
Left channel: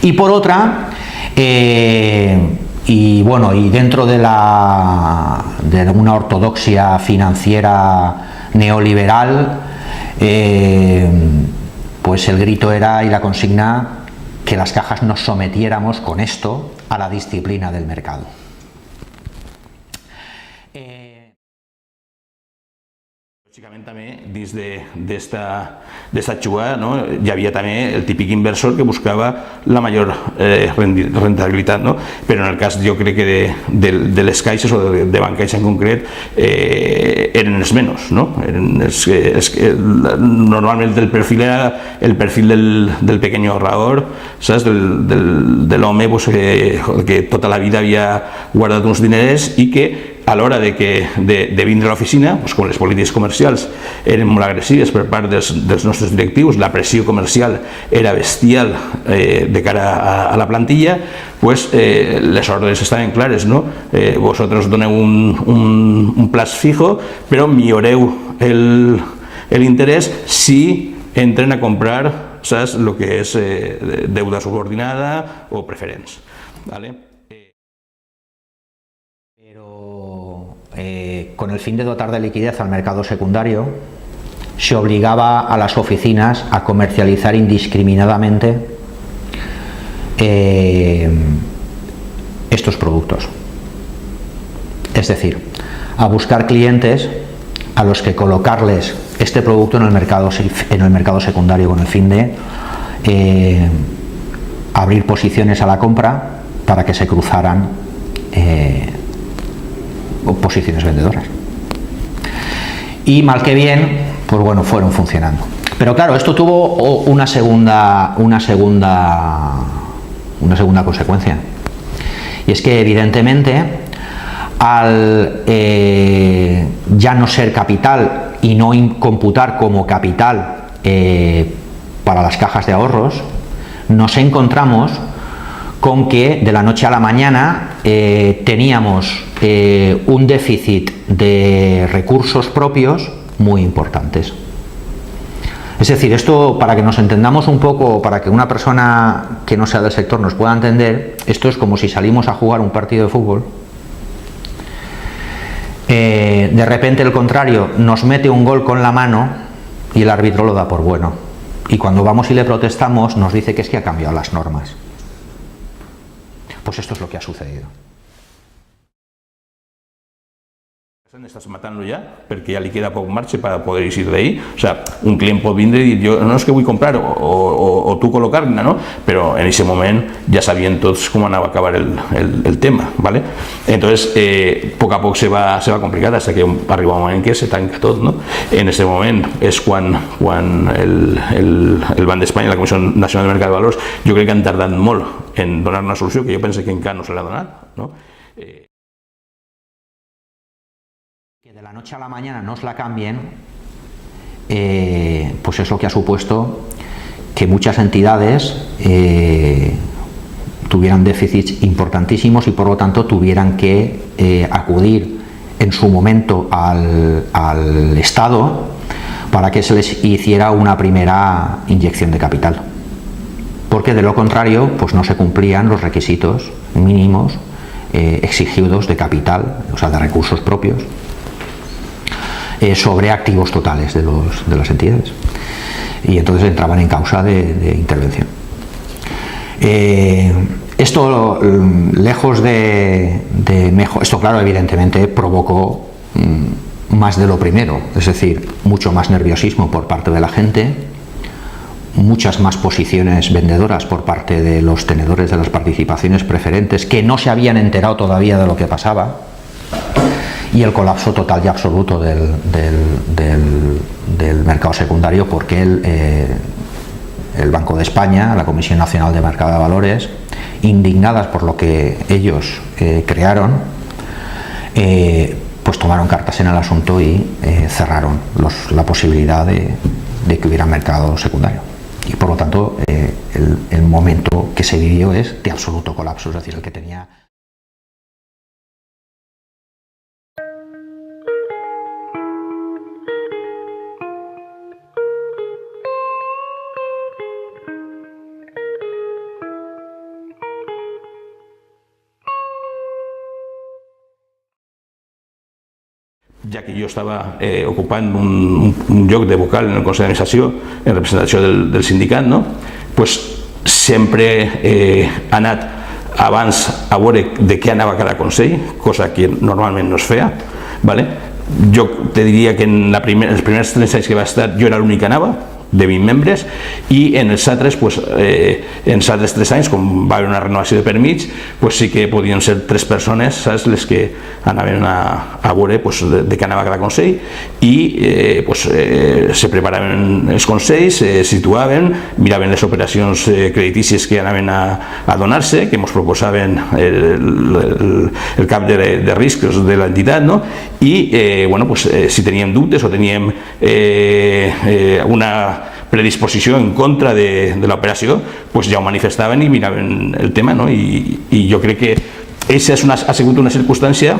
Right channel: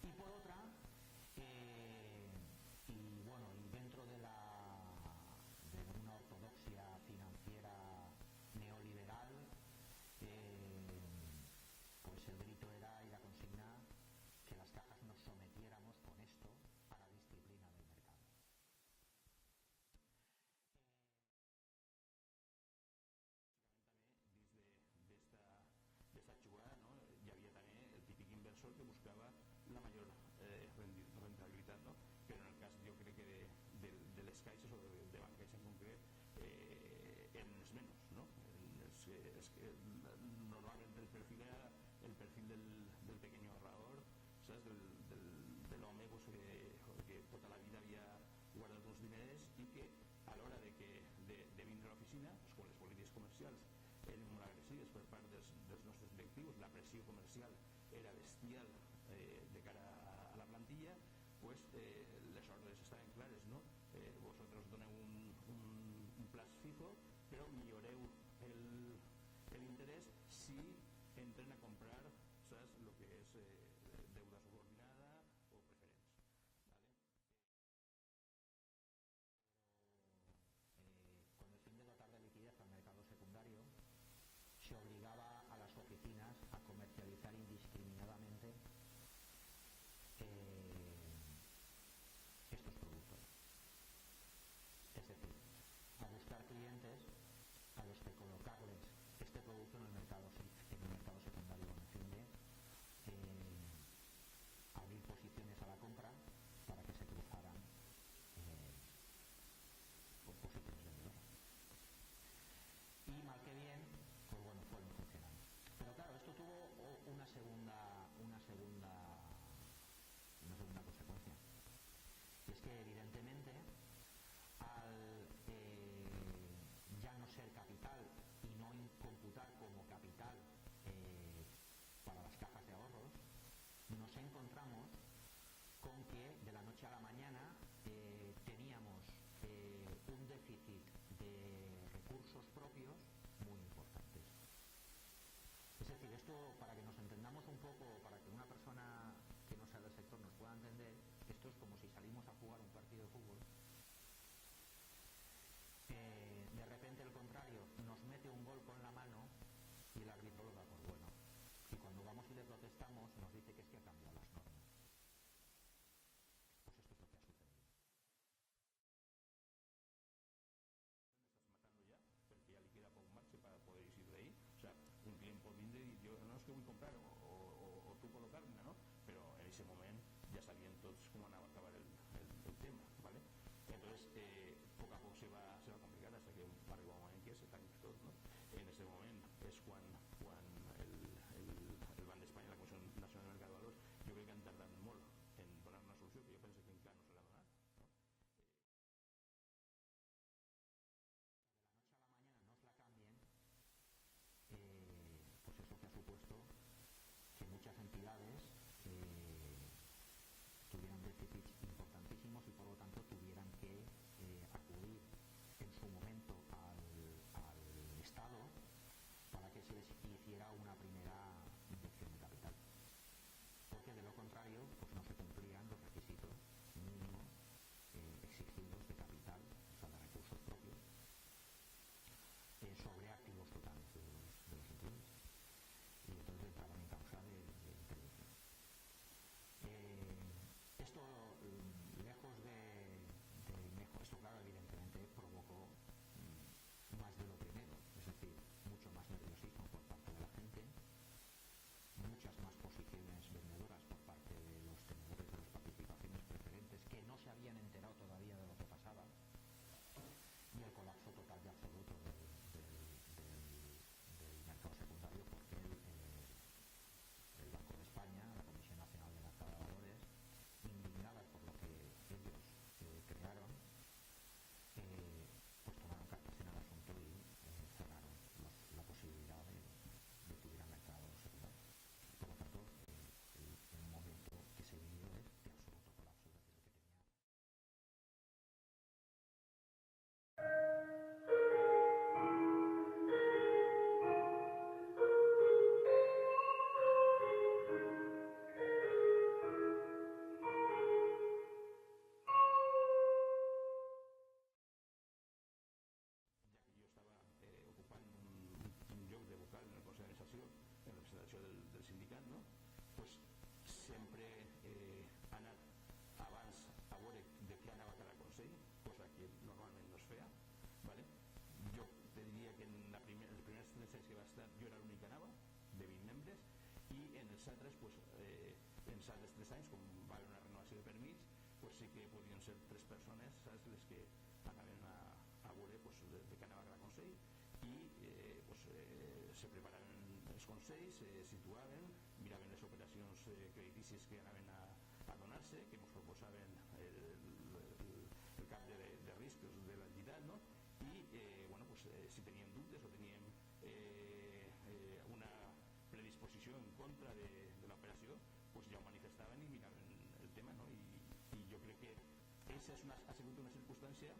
y por otra, y dentro de una ortodoxia financiera neoliberal, pues el grito era, y la consigna, que las cajas nos sometiéramos con esto a la disciplina del mercado. Lògicament també dins d'esta jugada, no, hi havia també el típic inversor que buscava la major rentabilitat, no? Però en el cas, jo crec que de les caixes o de Bancaixa en concret, eren els menys, no? Normalment el perfil era el perfil del pequeño ahorrador, saps? De l'home que tota la vida havia guardat uns diners i que a l'hora de vindre a l'oficina, com les polítiques comercials eren molt agressives per part dels nostres directius, la pressió comercial era bestial de cara a la plantilla, les ordres estaven clares, no? Vosaltres doneu un plaç fijo, però milloreu l'interès si entren a comprar, saps, el que és deuda subordinada o preferents. Con el fin de dotar de liquidez al mercado secundario, se obligaba a las oficinas a comercializar indiscriminadamente estos productos. Es decir, a buscar clientes a los que colocarles este producto en el mercado secundario con el fin de abrir posiciones a la compra para que se cruzaran posiciones vendedoras. Y mal que bien, pues bueno, fueron funcionando. Pero claro, esto tuvo una segunda consecuencia. Y es que evidentemente, al ya no ser capital y no computar como capital para las cajas de ahorros, nos encontramos con que de la noche a la mañana teníamos un déficit de recursos propios muy importantes. Es decir, esto, para que nos entendamos un poco, para que una persona que no sea del sector nos pueda entender, esto es como si salimos a jugar un partido de fútbol, de repente el contrario nos mete un gol con la mano y el árbitro lo da por bueno, y cuando vamos y le protestamos nos dice que es que ha cambiado las normas. Pues esto es lo que ha sucedido. Estàs matant-lo ja, perquè ja li queda poc marge per poder eixir d'ahí. O sea, un client pot vindre i dir, no és que vull comprar o tu col·locar-ne, no? Però en aquest moment ja sabien tots com anava a acabar el tema, ¿vale? Entonces, poc a poc se va complicar fins que arriba un moment que se tanca tot, no? En aquest moment és quan el Banc d'Espanya, la Comissió Nacional del Mercat de Valors, jo crec que han tardat molt en donar una solució que jo penso que encara no se l'ha donat, no? De la noche a la mañana nos la cambien, pues es lo que ha supuesto que muchas entidades tuvieran déficits importantísimos y por lo tanto tuvieran que acudir en su momento al Estado para que se les hiciera una primera inyección de capital, porque de lo contrario pues no se cumplían los requisitos mínimos exigidos de capital, o sea, de recursos propios, sobre activos totales de las entidades, y entonces entraban en causa de intervención. Esto, lejos de mejor, esto claro, evidentemente provocó más de lo primero, es decir, mucho más nerviosismo por parte de la gente, muchas más posiciones vendedoras por parte de los tenedores de las participaciones preferentes que no se habían enterado todavía de lo que pasaba, y el colapso total y absoluto del mercado secundario, porque el Banco de España, la Comisión Nacional de Mercado de Valores, indignadas por lo que ellos crearon, pues tomaron cartas en el asunto y cerraron la posibilidad de que hubiera mercado secundario. Y por lo tanto, el momento que se vivió es de absoluto colapso, es decir, el que tenía... Ja que jo estava ocupant un lloc de vocal en el Consell d'Administració en representació del sindicat, no? Pues sempre he anat abans a veure de què anava cada consell, cosa que normalment no es feia, ¿vale? Jo te diria que en els primers 3 anys que va estar jo era l'únic que anava, de 20 membres, i en els altres, en els altres 3 anys, com va haver una renovació de permís, sí que podien ser 3 persones, saps, les que anaven a veure de què anava cada consell, i se preparaven els consells, se situaven, miraven les operacions creditícies que anaven a donar-se, que ens proposaven el cap de riscos de l'entitat, no? I si teníem dubtes o teníem una predisposició en contra de l'operació, ja ho manifestaven i miraven el tema, no? I jo crec que aquesta ha sigut una circumstància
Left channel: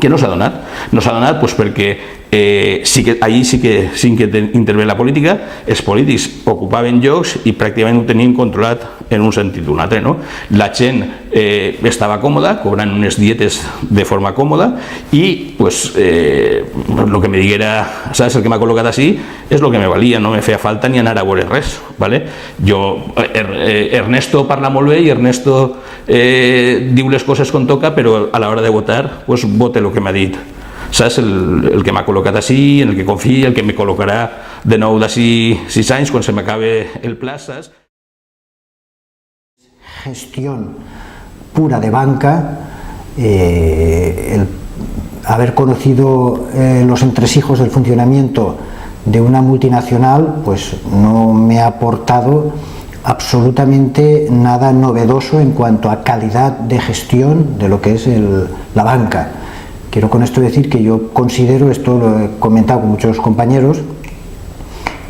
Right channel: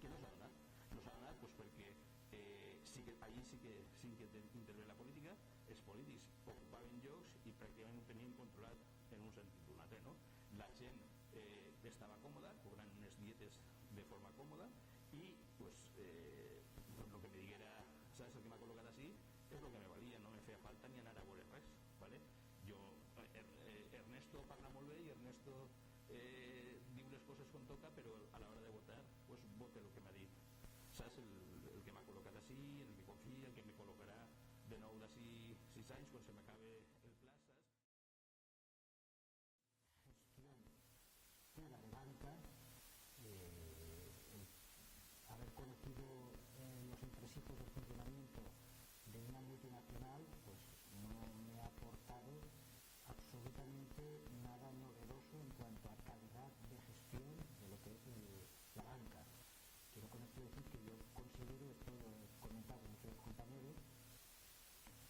que no s'ha donat. No s'ha donat perquè allí sí que intervé la política, els polítics ocupaven llocs i pràcticament ho tenien controlat en un sentit o un altre, no? La gent estava còmoda, cobrant unes dietes de forma còmoda, i el que me diguera, saps, el que m'ha col·locat així és el que me valia, no me feia falta ni anar a veure res, ¿vale? Ernesto parla molt bé i Ernesto diu les coses com toca, però a l'hora de votar vota el que m'ha dit, saps, el que m'ha col·locat així, en el que confia, el que me col·locarà de nou d'ací 6 anys quan se m'acabe el pla, saps? Gestión pura de banca, el haber conocido los entresijos del funcionamiento de una multinacional, pues no me ha aportado absolutamente nada novedoso en cuanto a calidad de gestión de lo que es la banca. Quiero con esto decir que yo considero, esto lo he comentado con muchos compañeros,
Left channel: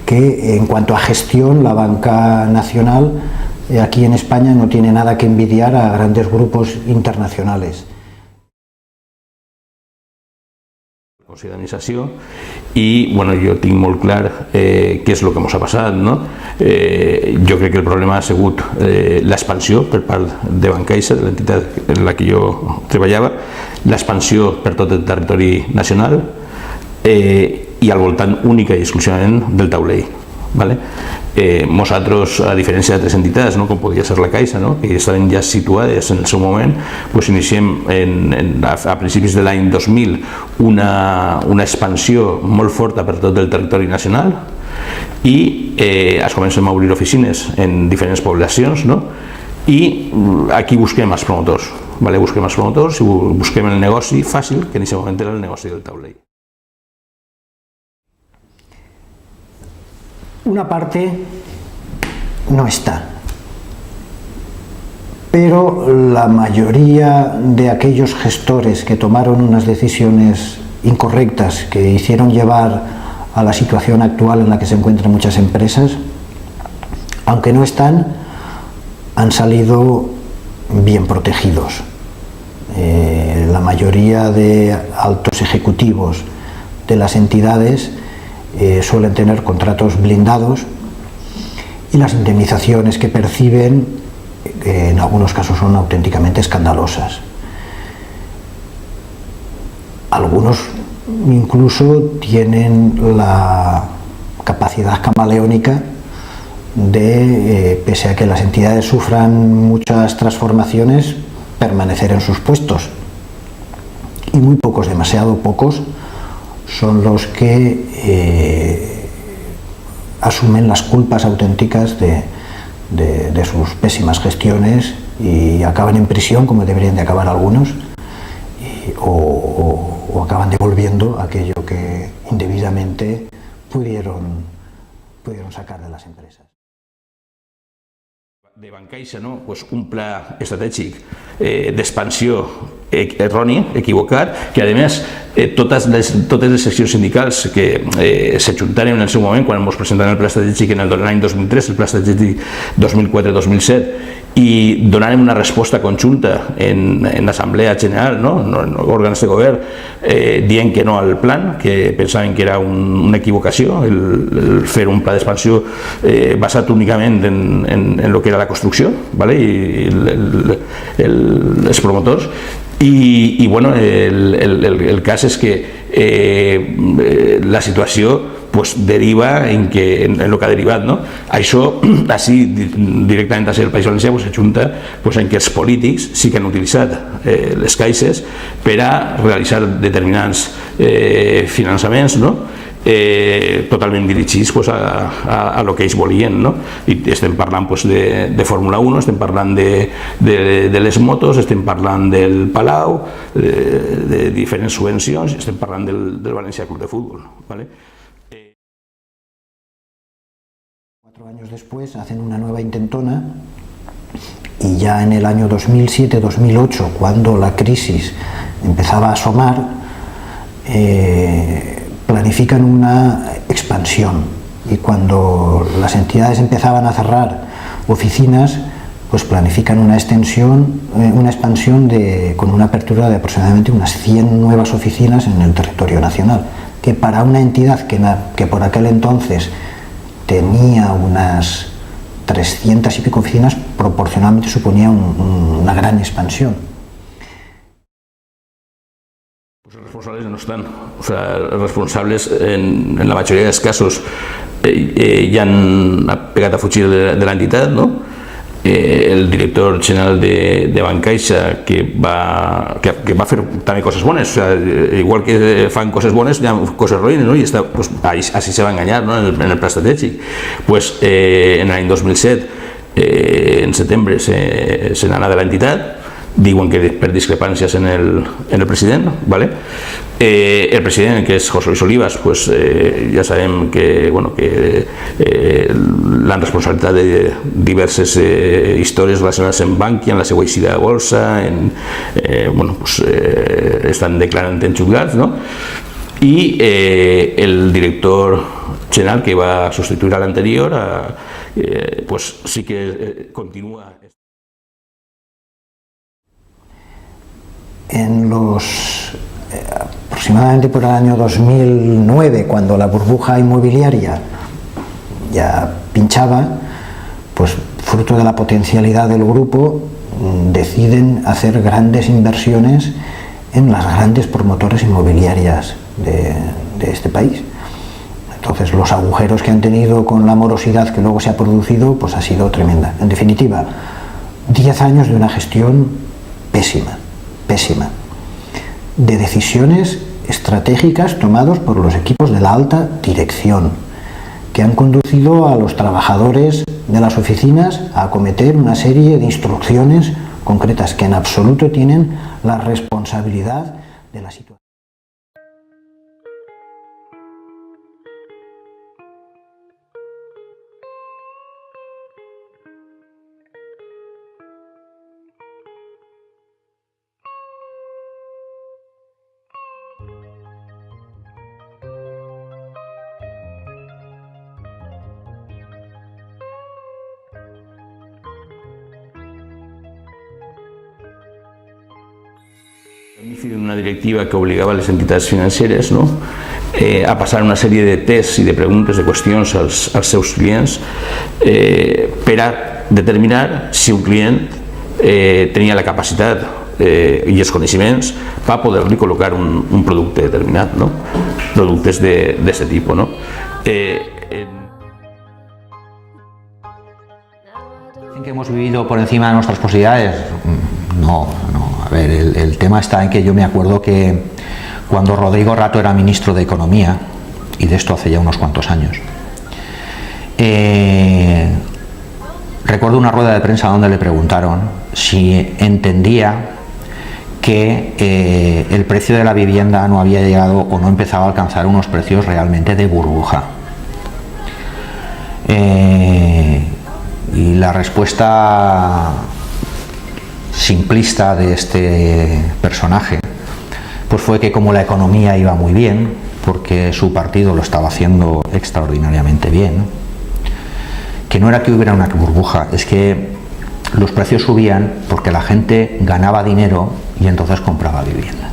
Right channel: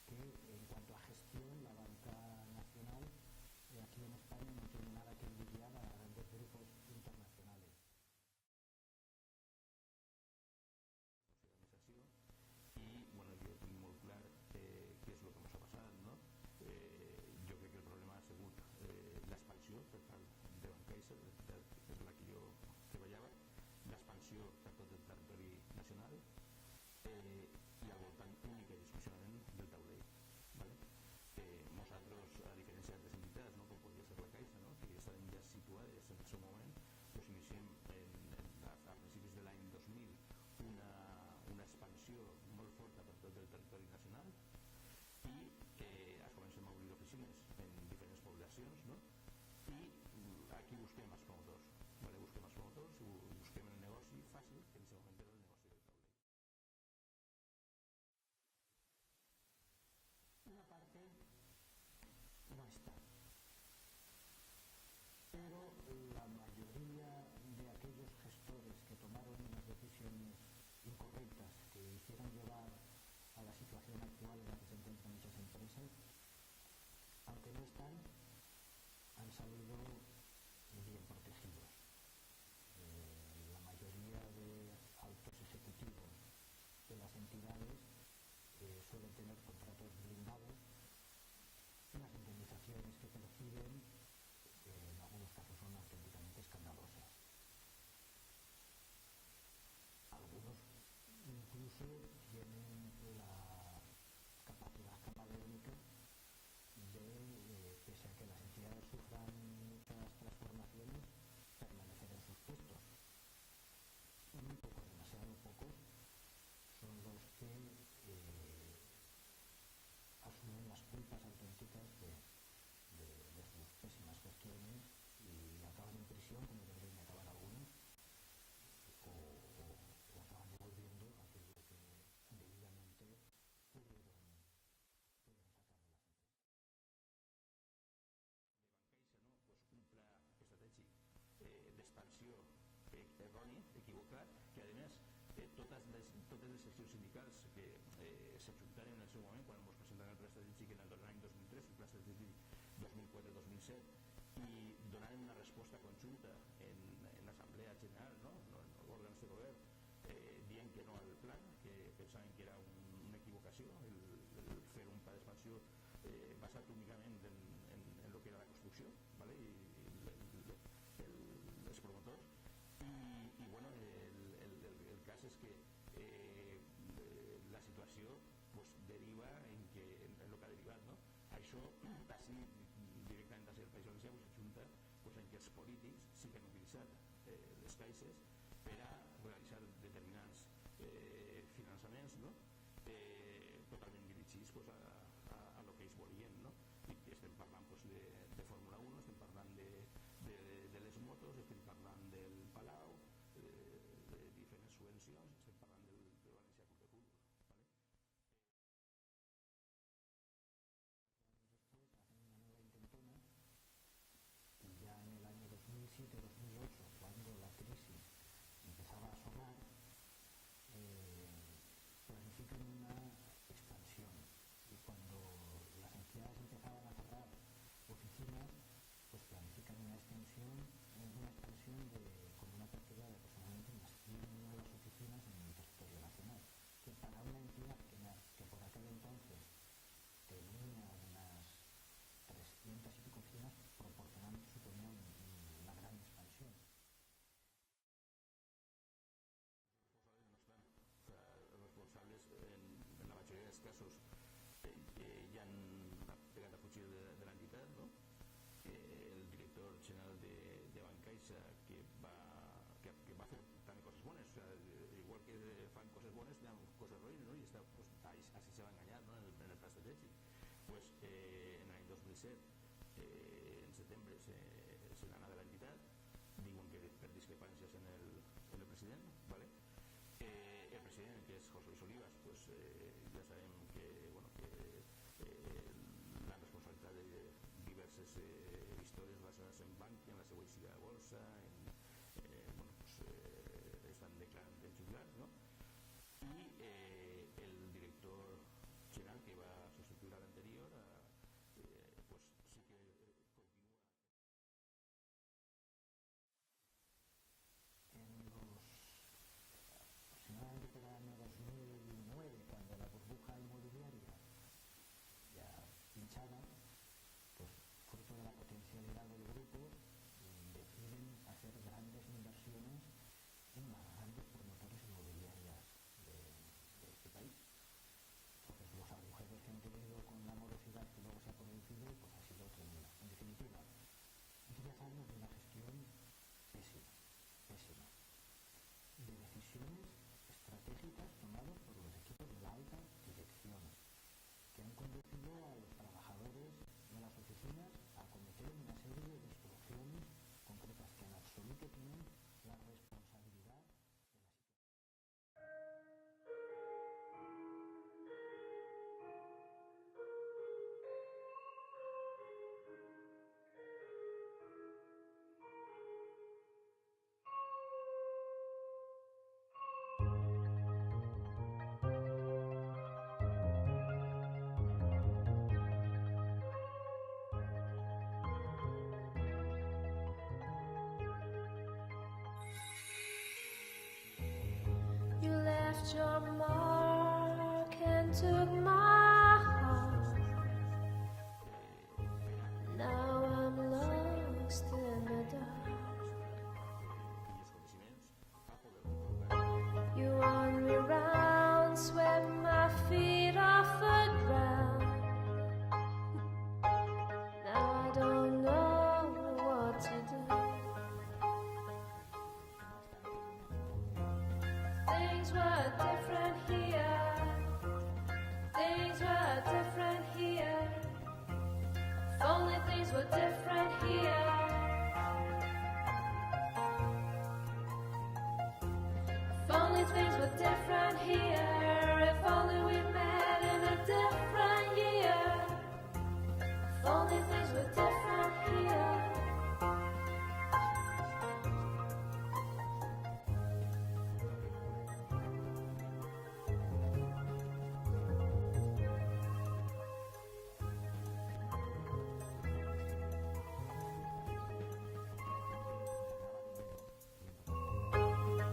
que en cuanto a gestión la banca nacional aquí en España no tiene nada que envidiar a grandes grupos internacionales. Consell d'Administració, i jo tinc molt clar què és el que ens ha passat, no? Jo crec que el problema ha sigut l'expansió per part de Bancaixa, de l'entitat en la que jo treballava, l'expansió per tot el territori nacional i al voltant única i exclusivament del taulell. Nosaltres, a diferència d'altres entitats, com podia ser la Caixa, que estaven ja situades en el seu moment, iniciem a principis de l'any 2000 una expansió molt forta per tot el territori nacional i es comencem a obrir oficines en diferents poblacions i aquí busquem els promotors, busquem els promotors i busquem el negoci fàcil, que en aquest moment era el negoci del taulell. Una parte no está, pero la mayoría de aquellos gestores que tomaron unas decisiones incorrectas que hicieron llevar a la situación actual en la que se encuentran muchas empresas, aunque no están, han salido bien protegidos. La mayoría de altos ejecutivos de las entidades suelen tener contratos blindados y las indemnizaciones que perciben en algunos casos son auténticamente escandalosas. Algunos incluso tienen la capacidad camaleónica de, pese a que las entidades sufran muchas transformaciones, permanecer en sus puestos. Y muy pocos, demasiado pocos, son los que asumen las culpas auténticas de sus pésimas gestiones y acaban en prisión, como deberían de acabar algunos, o acaban devolviendo aquello que indebidamente pudieron sacar de las empresas. De Bancaixa, no? Pues un pla estratègic d'expansió erroni, equivocat, que a més totes les seccions sindicals que s'ajuntaren en el seu moment quan ens presentaren el pla estratègic en l'any 2003, el pla estratègic 2004-2007, i donarem una resposta conjunta en l'Assemblea General, no? En òrgans de govern, dient que no al plan, que pensaven que era una equivocació el fer un pla d'expansió basat únicament en el que era la construcció, ¿vale? I els promotors. I bueno, el cas és que la situació pues deriva en el que ha derivat, no? Això, així, directament a ser el País Valencià, s'ajunta en que els polítics sí que han utilitzat les caixes per a realitzar determinats finançaments, no? Totalment dirigits a lo que ells volien, no? I estem parlant de Fórmula 1, estem parlant de les motos, estem parlant del Palau, de diferents subvencions, estem parlant del Valencia Club de Fútbol, ¿vale? 4 años después hacen una nueva intentona y ya en el año 2007-2008, cuando la crisis empezaba a asomar, planifican una expansión, y cuando las entidades empezaban a cerrar oficinas, pues planifican una expansión con una apertura de aproximadamente unas 100 nuevas oficinas en el territorio nacional, que para una entidad que por aquel entonces tenía unas 300 y pico oficinas, proporcionalmente suponía una gran expansión. Los responsables no están, o sea, los responsables en la mayoría de los casos ya han pegat a fugir de la entidad, ¿no? El director general de Bancaixa, que va fer també coses bones, o sea, igual que fan coses bones, hi ha coses roïnes, no? I pues, així se va enganyar, no? En el pla estratègic. Pues, en l'any 2007, en setembre, se n'anà de l'entitat, diuen que per discrepàncies en el president, ¿vale? El president, que és José Luis Olivas, pues, ja sabem que, bueno, que l'han responsabilitat de diverses històries relacionades amb Bankia, en la seva eixida de bolsa, bueno, pues, estan declarant en jutjats, no? I el director general que va substituir a l'anterior, pues sí que continua. Aproximadamente por el año 2009, cuando la burbuja inmobiliaria ya pinchaba, pues fruto de la potencialidad del grupo, deciden hacer grandes inversiones en las grandes promotoras inmobiliarias de este país. Entonces, los agujeros que han tenido con la morosidad que luego se ha producido, pues ha sido tremenda. En definitiva, 10 años de una gestión pésima, de decisiones estratégicas tomadas por los equipos de la alta dirección, que han conducido a los trabajadores de las oficinas a acometer una serie de instrucciones concretas que en absoluto tienen la responsabilidad de la situación. Una directiva que obligava a les entitats financeres, no? A passar una sèrie de tests i de preguntes, de qüestions als seus clients per a determinar si un client tenia la capacitat i els coneixements per poder-li col·locar un producte determinat, no? Productes d'aquest tipus, no? que hemos vivido por encima de nuestras posibilidades, no. A ver, el tema está en que yo me acuerdo que cuando Rodrigo Rato era ministro de Economía, y de esto hace ya unos cuantos años, recuerdo una rueda de prensa donde le preguntaron si entendía que el precio de la vivienda no había llegado o no empezaba a alcanzar unos precios realmente de burbuja. Y la respuesta simplista de este personaje pues fue que como la economía iba muy bien, porque su partido lo estaba haciendo extraordinariamente bien, que no era que hubiera una burbuja, es que los precios subían porque la gente ganaba dinero y entonces compraba viviendas.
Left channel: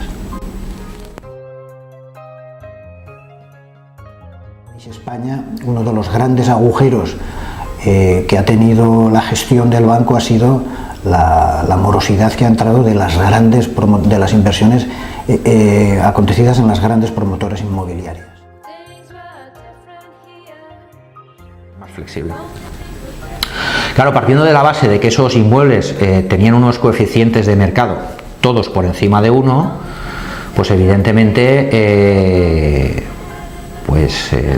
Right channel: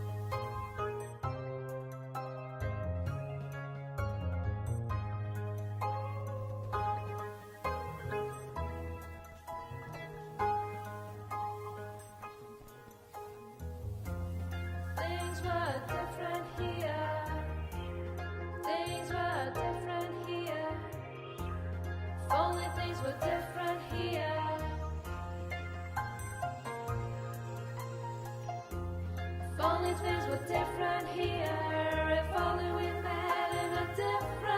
España, uno de los grandes agujeros que ha tenido la gestión del banco ha sido la morosidad que ha entrado de las inversiones acontecidas en las grandes promotoras inmobiliarias. Más flexible. Claro, partiendo de la base de que esos inmuebles tenían unos coeficientes de mercado, todos por encima de 1, pues evidentemente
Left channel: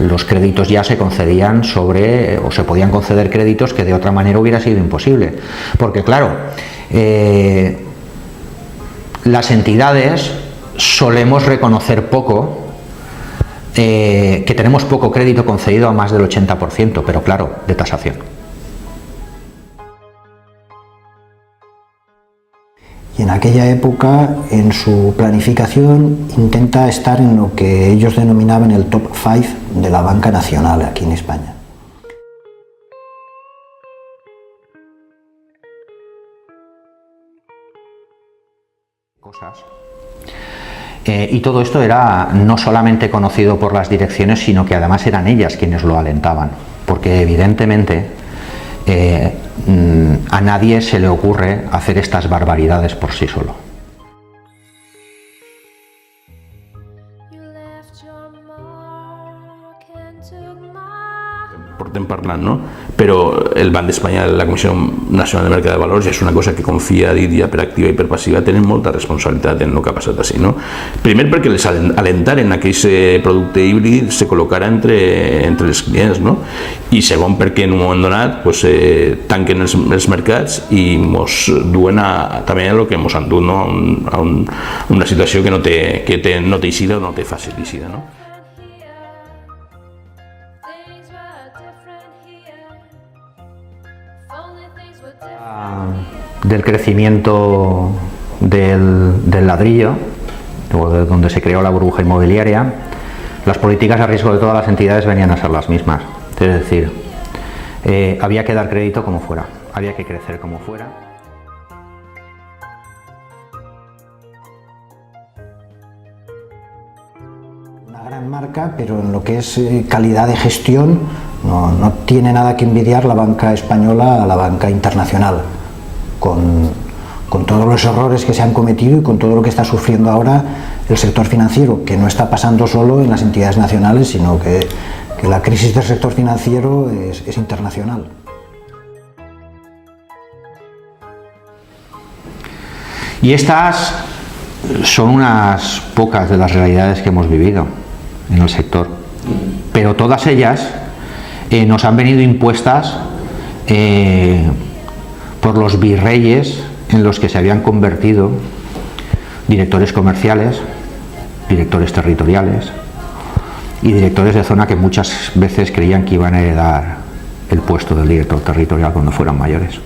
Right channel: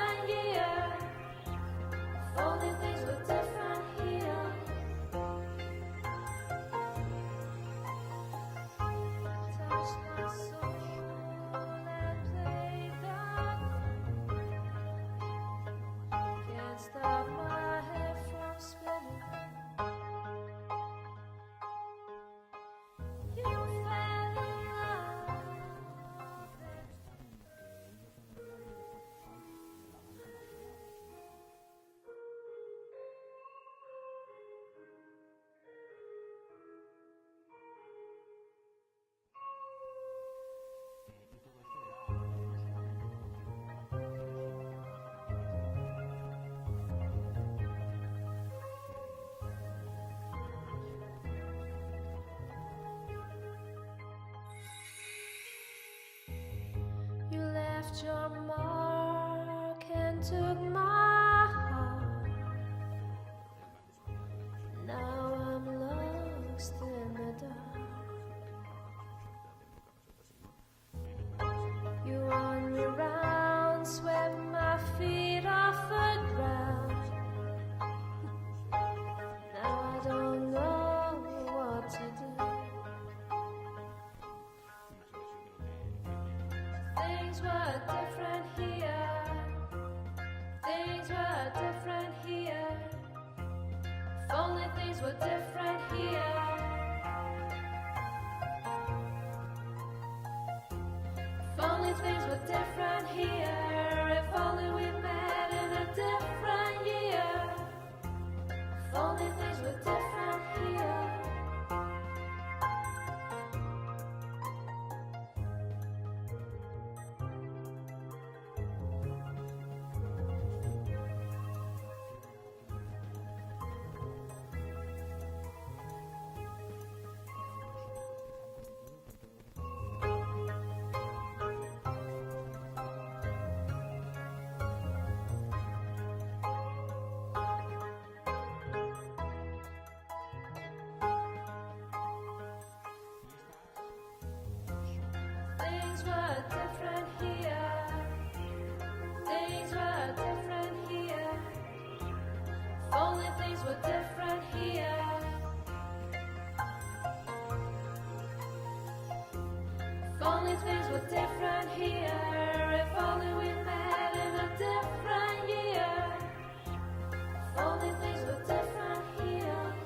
los créditos ya se concedían o se podían conceder créditos que de otra manera hubiera sido imposible. Porque claro, las entidades solemos reconocer poco, que tenemos poco crédito concedido a más del 80%, pero claro, de tasación. Y en aquella época, en su planificación, intenta estar en lo que ellos denominaban el top 5 de la banca nacional aquí en España. Y todo esto era no solamente conocido por las direcciones, sino que además eran ellas quienes lo alentaban, porque evidentemente a nadie se le ocurre hacer estas barbaridades por sí solo. Portem parlant, no? Però el Banc d'Espanya, la Comissió Nacional de Mercat de Valors, és una cosa que confia, dit ja per activa i per passiva, tenen molta responsabilitat en el que ha passat així, no? Primer perquè les alentaren a que aquest producte híbrid se col·locara entre els clients, no? I segon perquè en un moment donat pues, tanquen els mercats i ens duen també a el que ens han dut, no? A una situació que no té eixida o no té fàcil eixida, no? Del crecimiento del ladrillo, de donde se creó la burbuja inmobiliaria, las políticas a riesgo de todas las entidades venían a ser las mismas. Es decir, había que dar crédito como fuera, había que crecer como fuera. Una gran marca, pero en lo que es calidad de gestión no tiene nada que envidiar la banca española a la banca internacional, con todos los errores que se han cometido y con todo lo que está sufriendo ahora el sector financiero, que no está pasando solo en las entidades nacionales, sino que la crisis del sector financiero es internacional. Y estas son unas pocas de las realidades que hemos vivido en el sector, pero todas ellas nos han venido impuestas por los virreyes en los que se habían convertido directores comerciales, directores territoriales y directores de zona que muchas veces creían que iban a heredar el puesto del director territorial cuando fueran mayores.